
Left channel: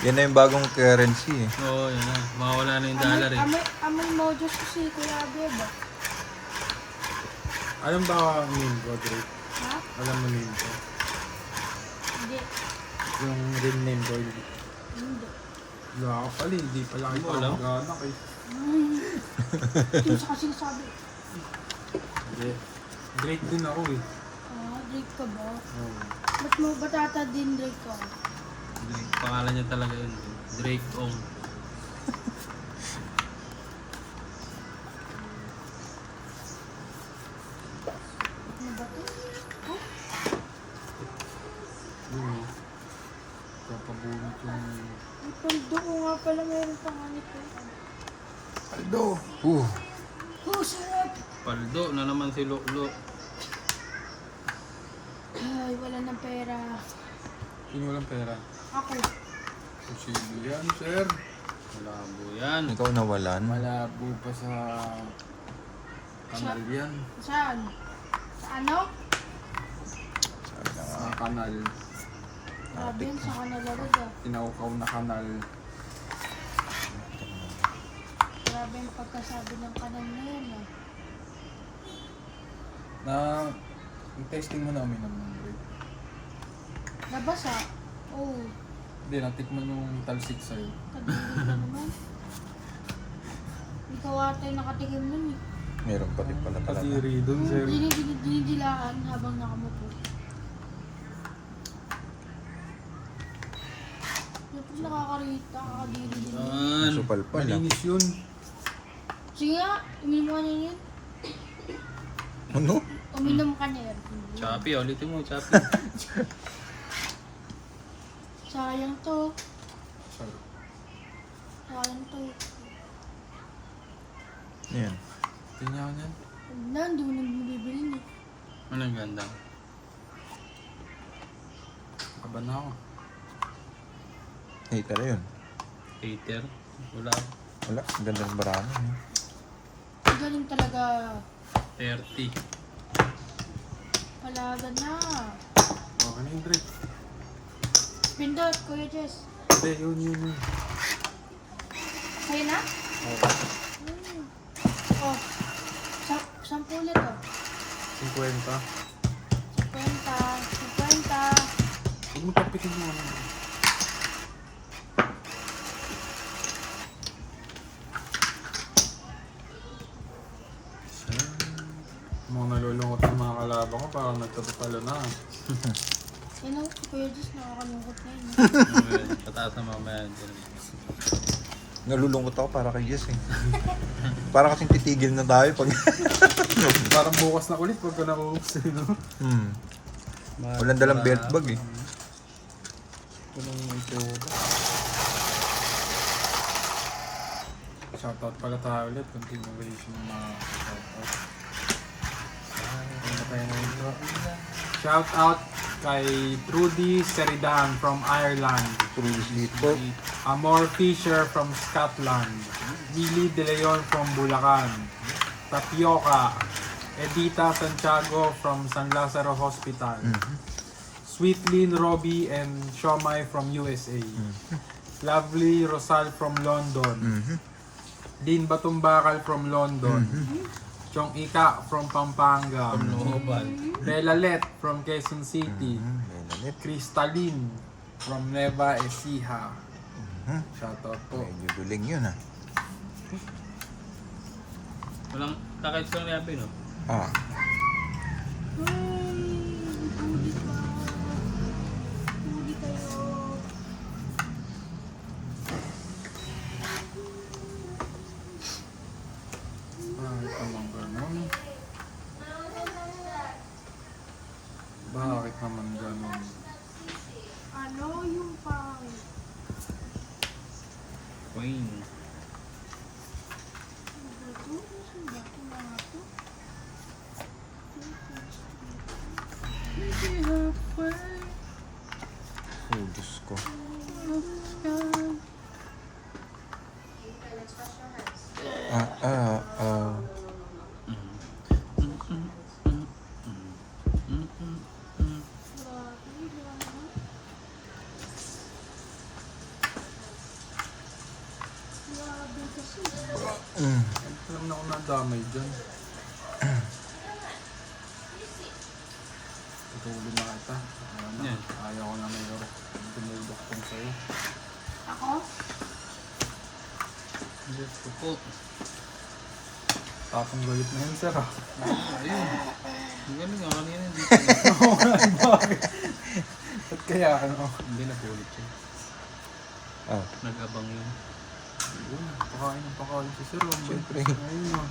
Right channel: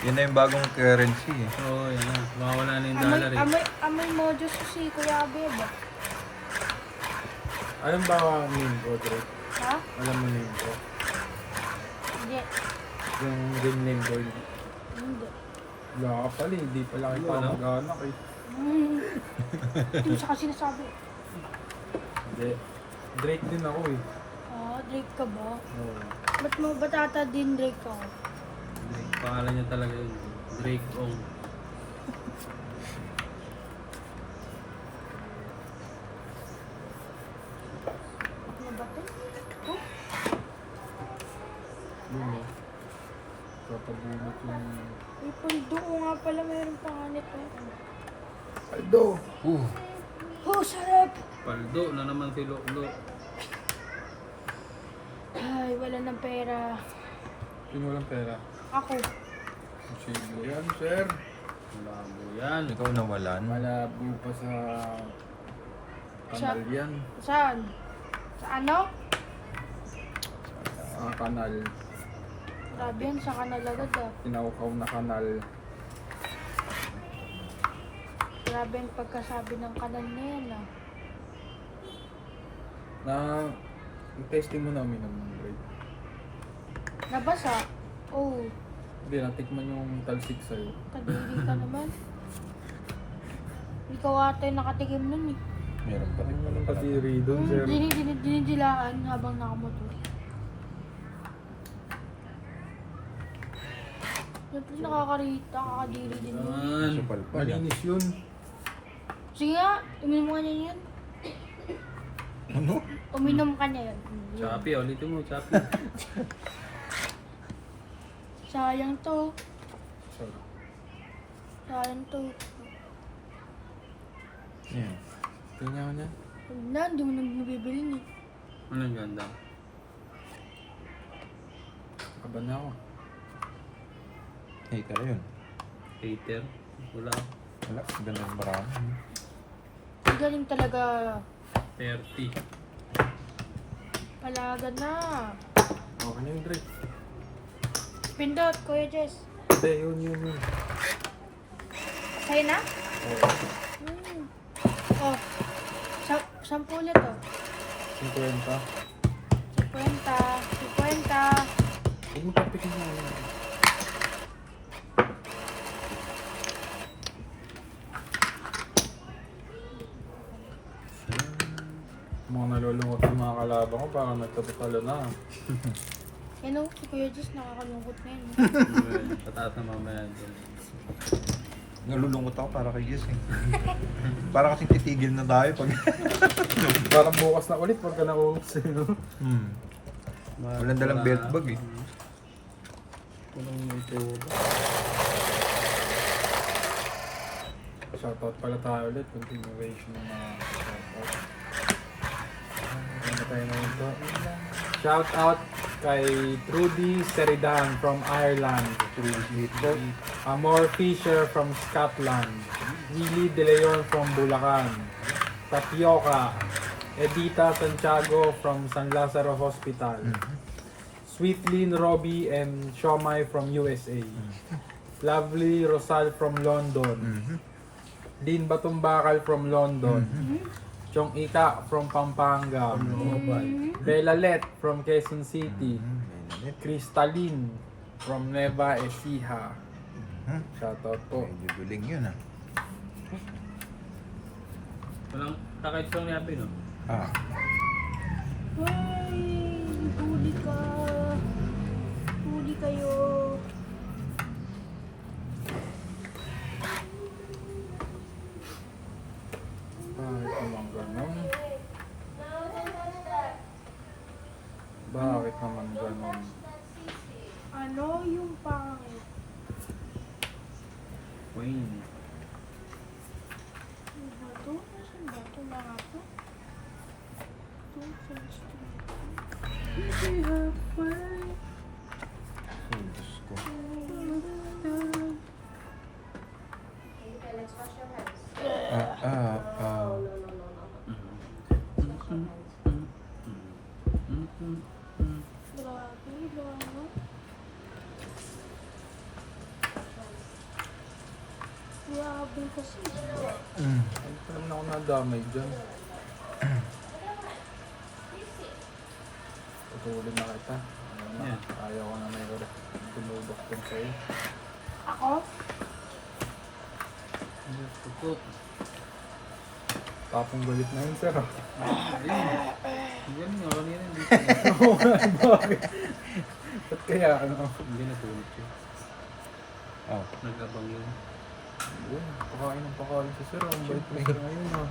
Yan na yung bagong currency eh. Oo, yan na. Mawawala na yung dollar eh. Amoy mojos ko si Kuya Abeb. Alam ba ang name ko, Drake? Ha? Alam mo name ko? Hindi. Yung real name ko, hindi. Hindi. Wala ka pala, hindi pala kita Wala. mag-anak eh. Ito sa kasi sinasabi. Hindi. Drake din ako eh. Ah, Drake ka ba? Oo. Ba't mo batata din Drake ka? Drake. Pangalan niya talaga yun. Drake Ong. Ano ba to? Oh, Yun eh. Papabunot yung... may pundo ko nga pala mayroon pang nito. Aldo! Oh, sarap! Paldo na naman si Lolo. Ay, wala ng pera. Yung walang pera. Ako. Posible yan, sir. Malabo yan. Ikaw nawalan. Malabo pa sa... kanal yan. Saan? Sa ano? Sa kanal. Sabi yan sa kanila agad ah. Tinaukaw na kanal. Grabe ang pagkasabi ng kanan na yun ah. Na... Yung testing mo na uminom ng Drake. Nabasa? Oh, Hindi, natikman yung talsik sa'yo. kadiri ka naman. Ikaw ata yung nakatikim nun eh. Meron pa rin pala Ang talaga. kadiri doon, sir. Dinidilaan habang nakamupo. Siyempre nakakarita, kakadiri din yun. Yan. Supal pa lang. Malinis yun. Sige nga, uminom ka niya yun. Ano? Uminom ka niya yun. Chappy, ulitin mo, Chappy. Sayang to. Sorry. Sayang to. Yan. Tingnan ko niyan. Huwag na, hindi mo nang bibili niya. Anong ganda? Kaba na ako. Hater yun. Hater? Wala. Wala. Ganda ng barano. Galing talaga. 30. Palaga na. Okay na yung Drake. Pindot, Kuya Jess. Hindi, yun. Sige na? Oo. Oh. 10 ulit oh. 50. 50. 50. Huwag mo tapikin yung ano. Mga nalulungkot ng mga kalaban ko, parang nagtatalo na. Yan o, si Kuya Jess nakakalungkot na yun. Pataas na mga bayan. Nalulungkot ako para kay Jess eh. Para kasing titigil na tayo pag... Parang bukas na ulit pagka nakukups eh, no? Walang dalang belt bag eh. Shoutout pala tayo ulit, continuation ng mga shoutout. Ano na tayo na ito? Shoutout kay Trudy Seridan from Ireland. Truly sleeper. Amor Fisher from Scotland. Willie De Leon from Bulacan. Tapioca. Edita Santiago from San Lazaro Hospital. Sweetlyn Robbie and Shomai from USA. Lovely Rosal from London. Dean Batumbakal from London. Chong Ika from Pampanga. Global. Belalet from Quezon City. Lalit. Crystalline from Nueva Ecija. Shoutout po. Medyo duling yun ah. Walang takay sa niyabi, no? Ah. Huli ka. Huli kayo. Bakit naman ganon? Bakit naman ganon? Ano yung pangit? Queen. Ano ba to? Saan ba to mga to? Oh, Diyos ko. Grabe kasi. Ay, ito naman ako nadamay dyan. Tutulin na kita. Ayaw na. Ayaw ko na may dumudok tong sa'yo. Ako? Suko. Tapong galit na yun, sir. Hindi nga, kanina hindi Oo nga, bakit? Ba't kaya ano? Hindi na pulot siya. Ah. Nag-abang yun. Yun, pakain ng pakain si sir. Ang bait na sir ngayon ah.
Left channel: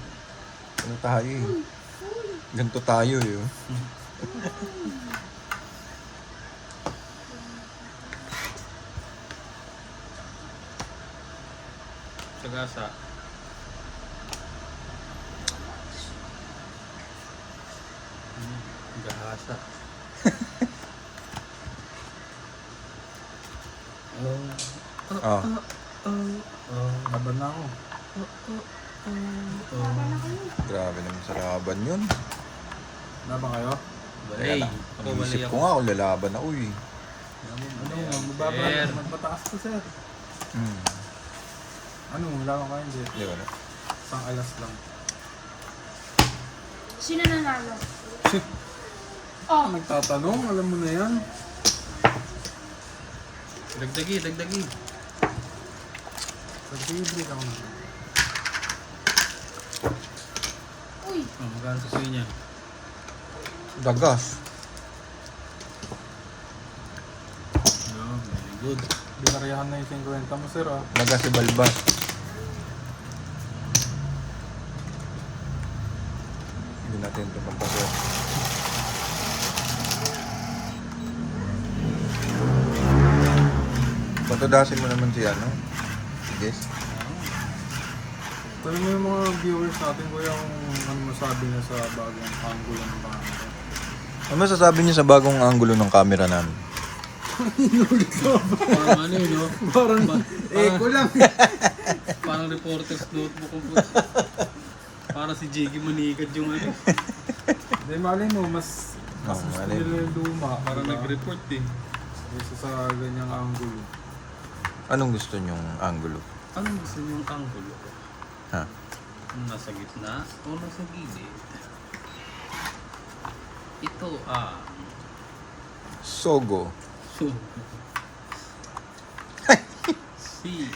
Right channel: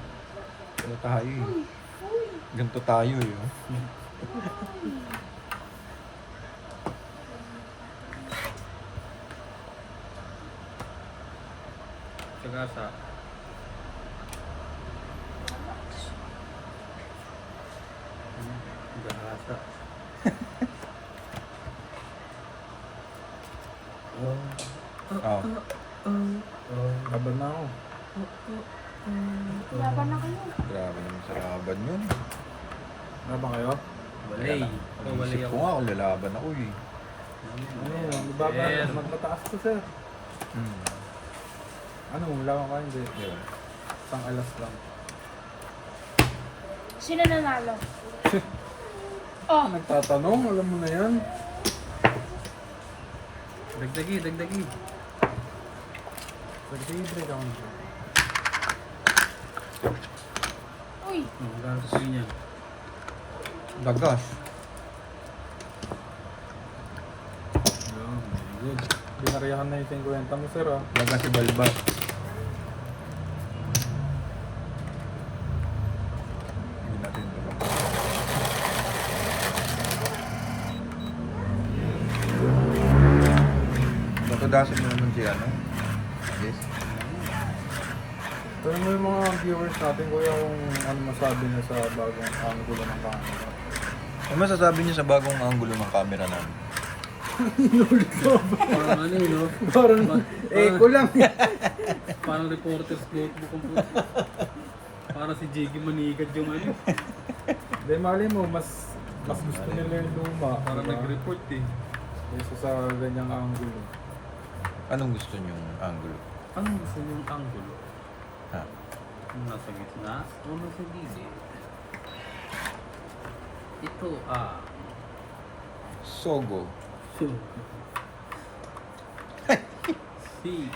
Ano tayo eh. Ganito tayo eh. Oh. Sagasa. Gahasa. Ah. Laban na ako. Laban na kayo. Grabe naman sa laban yun. Laban kayo? Balay. Isip ko nga kung lalaban ako eh. Ano yun? Mababa Sir. na. Mataas to, sir. Hmm. Ano? Laban ka hindi. Yun. Isang alas lang. Sino nanalo? Ah, nagtatanong. Alam mo na yan. Dagdagi, dagdagi. Nag-break ako na. Uy! Hanggang sa suy niya. Dagas. Oh, very good. Binariyahan na yung 50 mo, sir ah. Dagas si Balbas. Hindi natin ito pampagod. Patudasin mo naman si ano. Yes. Tanong mo yung mga viewers natin, kuya, kung ano masabi niya sa bagong angulo ng camera. Ano masasabi niyo sa bagong angulo ng camera namin? Parang ano yun, no? Parang echo lang. Parang reporter's notebook ang puto. Parang si Jiggy Manigad yung ano. Hindi, mali mo, mas gusto nila yung luma. Parang diba? nag-report eh. Kaysa sa ganyang angulo. Anong gusto niyong angulo? Anong gusto niyong anggulo? Ha? Nasa gitna o nasa gilid? Ito Sogo. so, si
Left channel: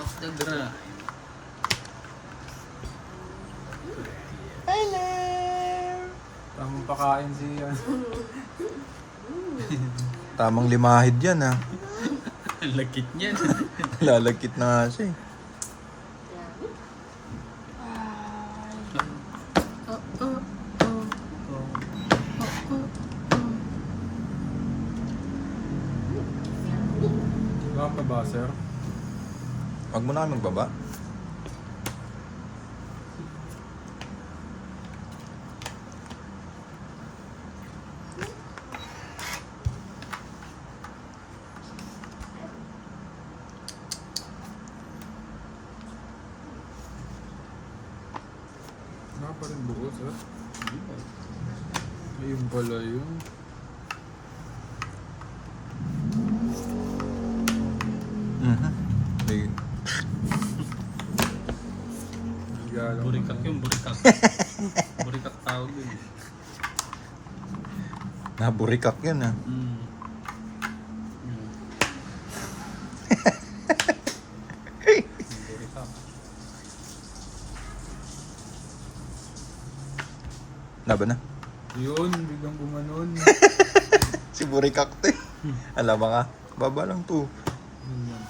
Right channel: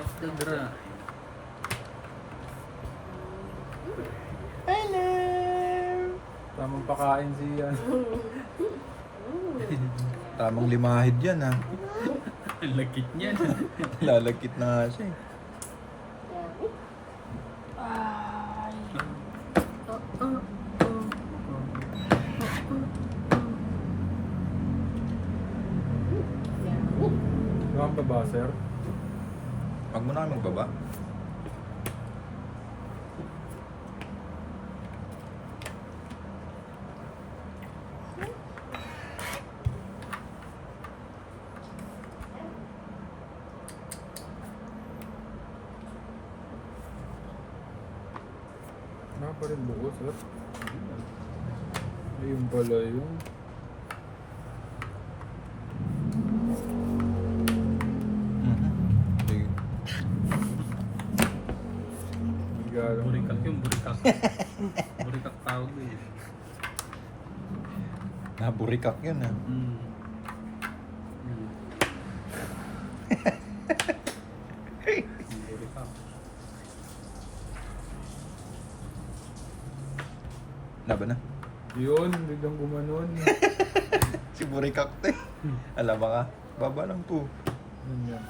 of the grind. Tamang pakain si ano. Tamang limahid yan ha. Ang lakit niya. Lalagkit na nga siya eh. Saan pa ba, sir? Wag mo na magbaba. Wala pa rin buo, sir. Ayun pala yun. Mhm. Ayun. Higa Tagalog. Burikak yun, burikak. Burikak tawag yun. Naburikak yun ah. Mm. Burikak. Laban na. Yun, biglang gumanon. Si Burikak te. Alam ba ka? Baba lang to. Yun yan.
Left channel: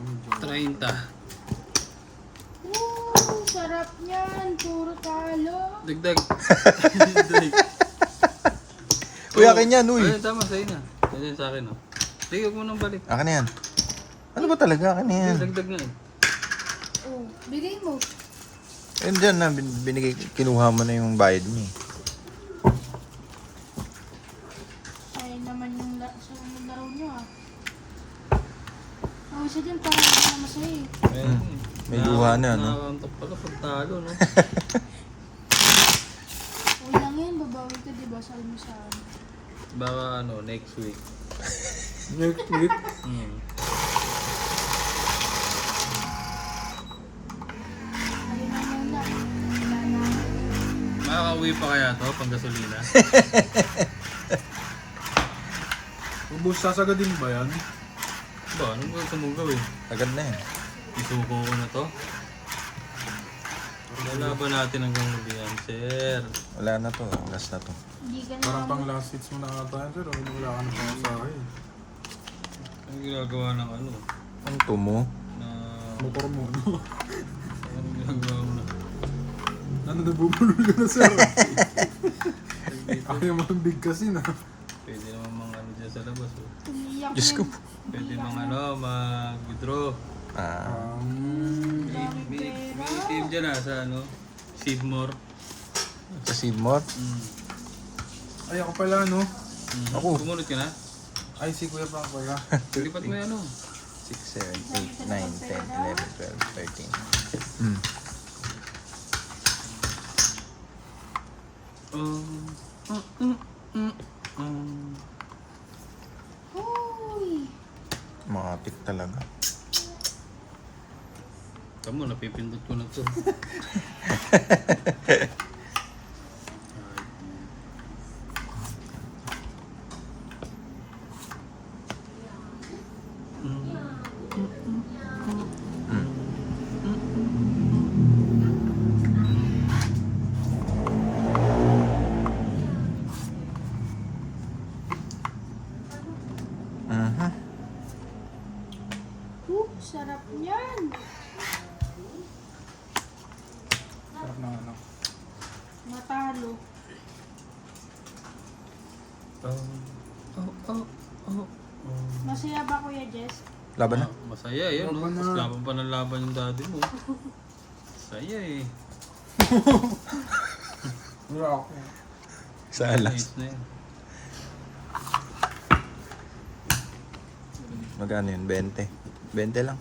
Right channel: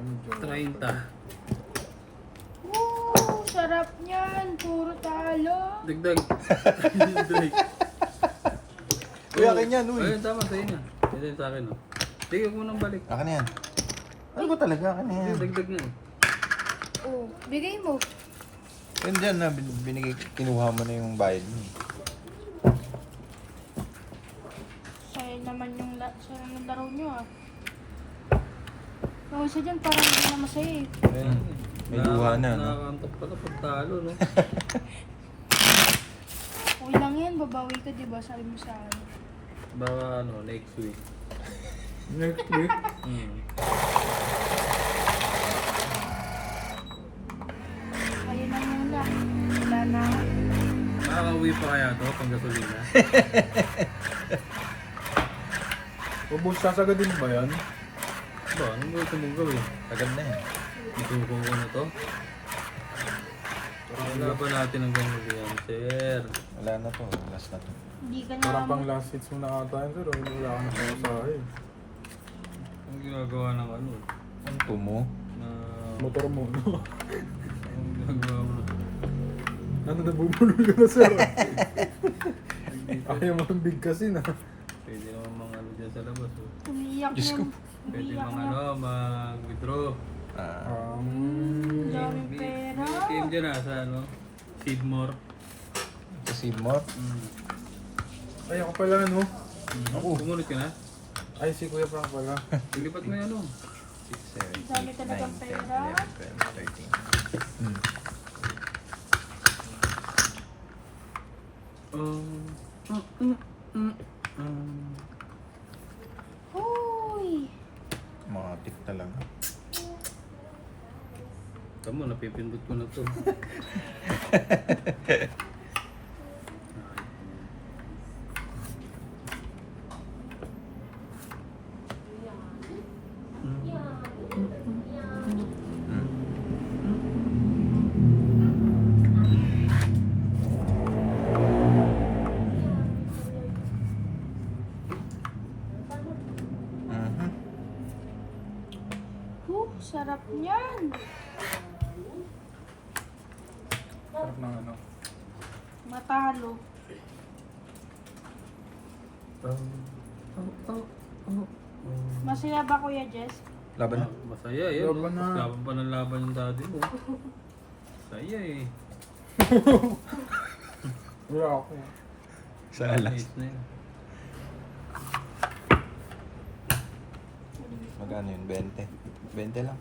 Medyo. 30. Woo! Sarap niyan. Puro talo. Dagdag. Dagdag. Uy, akin yan, uy. Ayun, tama, sa'yo na. Ayun sa akin, oh. Sige, huwag mo nang balik. Akin na yan. Ano ba talaga? Akin na yan. Dagdag na eh. Oh, bigay mo. Yan dyan na, binigay, kinuha mo na yung bayad niya. Sayang naman yung dahon nyo ah. Oh, isa dyan parang hindi na masaya eh. Ayun, eh. May luha na, no? Nakakantok pala pag talo, no? Sabi lang yan, babawi ka diba? Sabi mo sa akin. Baka ano, next week. Next week. Hmm. Alimangan lang. Wala na. Makakauwi pa kaya to, pang gasolina? Ubus sasagadin ba yan? Ba, ano mo gusto mong gawin? Agad na yan. Isuko ko na to? Wala ba natin ang gawin, sir? Wala na to. Last na to. Hindi ka na. Parang pang last hits mo na ata yan, sir. Wala ka na pamasahe. Ano ginagawa ng ano? Ang tumo. Na... Motor mo, no? Ano ginagawa mo? Ano, nabubulol ka na, sir? Ayaw mo ang big kasi na. Pwede naman mga ano dyan sa labas. Oh. Umiyak Diyos ko. Pwede mga ano, mag-withdraw. Ah, May ATM dyan sa ano, Seedmore. sa Seedmore. Ay, ako pala, no? Ako. Kumunod ka na? Ay, si Kuya Frank pala. Lipat mo yan, ano? 6, 7, 8, 9, 10, 11, 12, 13. Hmm. Uy! Makapit talaga. Kamu, napipindot ko na to. Mhm. Sarap niyan. Sarap ng ano. Matalo. Masaya ba Kuya Jess? Laban na. Masaya eh. no? Laban na. Mas laban pa ng laban yung daddy mo. Masaya eh. Wala ako. Sa alas. Nice na yun. Magkano yun? 20. 20 lang.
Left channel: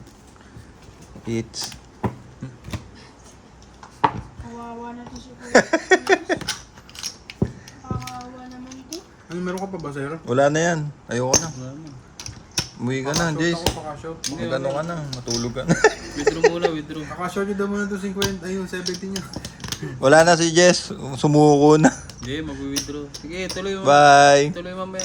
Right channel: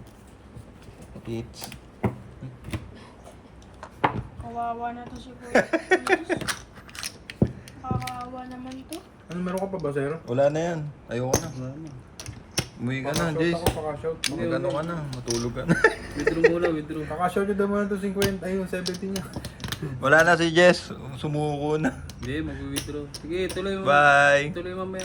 Hits. Kawawa na to si Kuya Jess. Kawawa naman to. Ano, meron ka pa ba, sir? Wala na yan. Ayoko na. Salamat. Umuwi ka na, Pakashout Jace. ako, pakashout. Magano ka na. Matulog ka na. Withdraw muna, withdraw. Pakashout nyo daw muna to 50, ay yung 70 niya. Wala na si Jess. Sumuko na. Hindi, mag-withdraw. Sige, tuloy mo. Bye. Tuloy mamaya.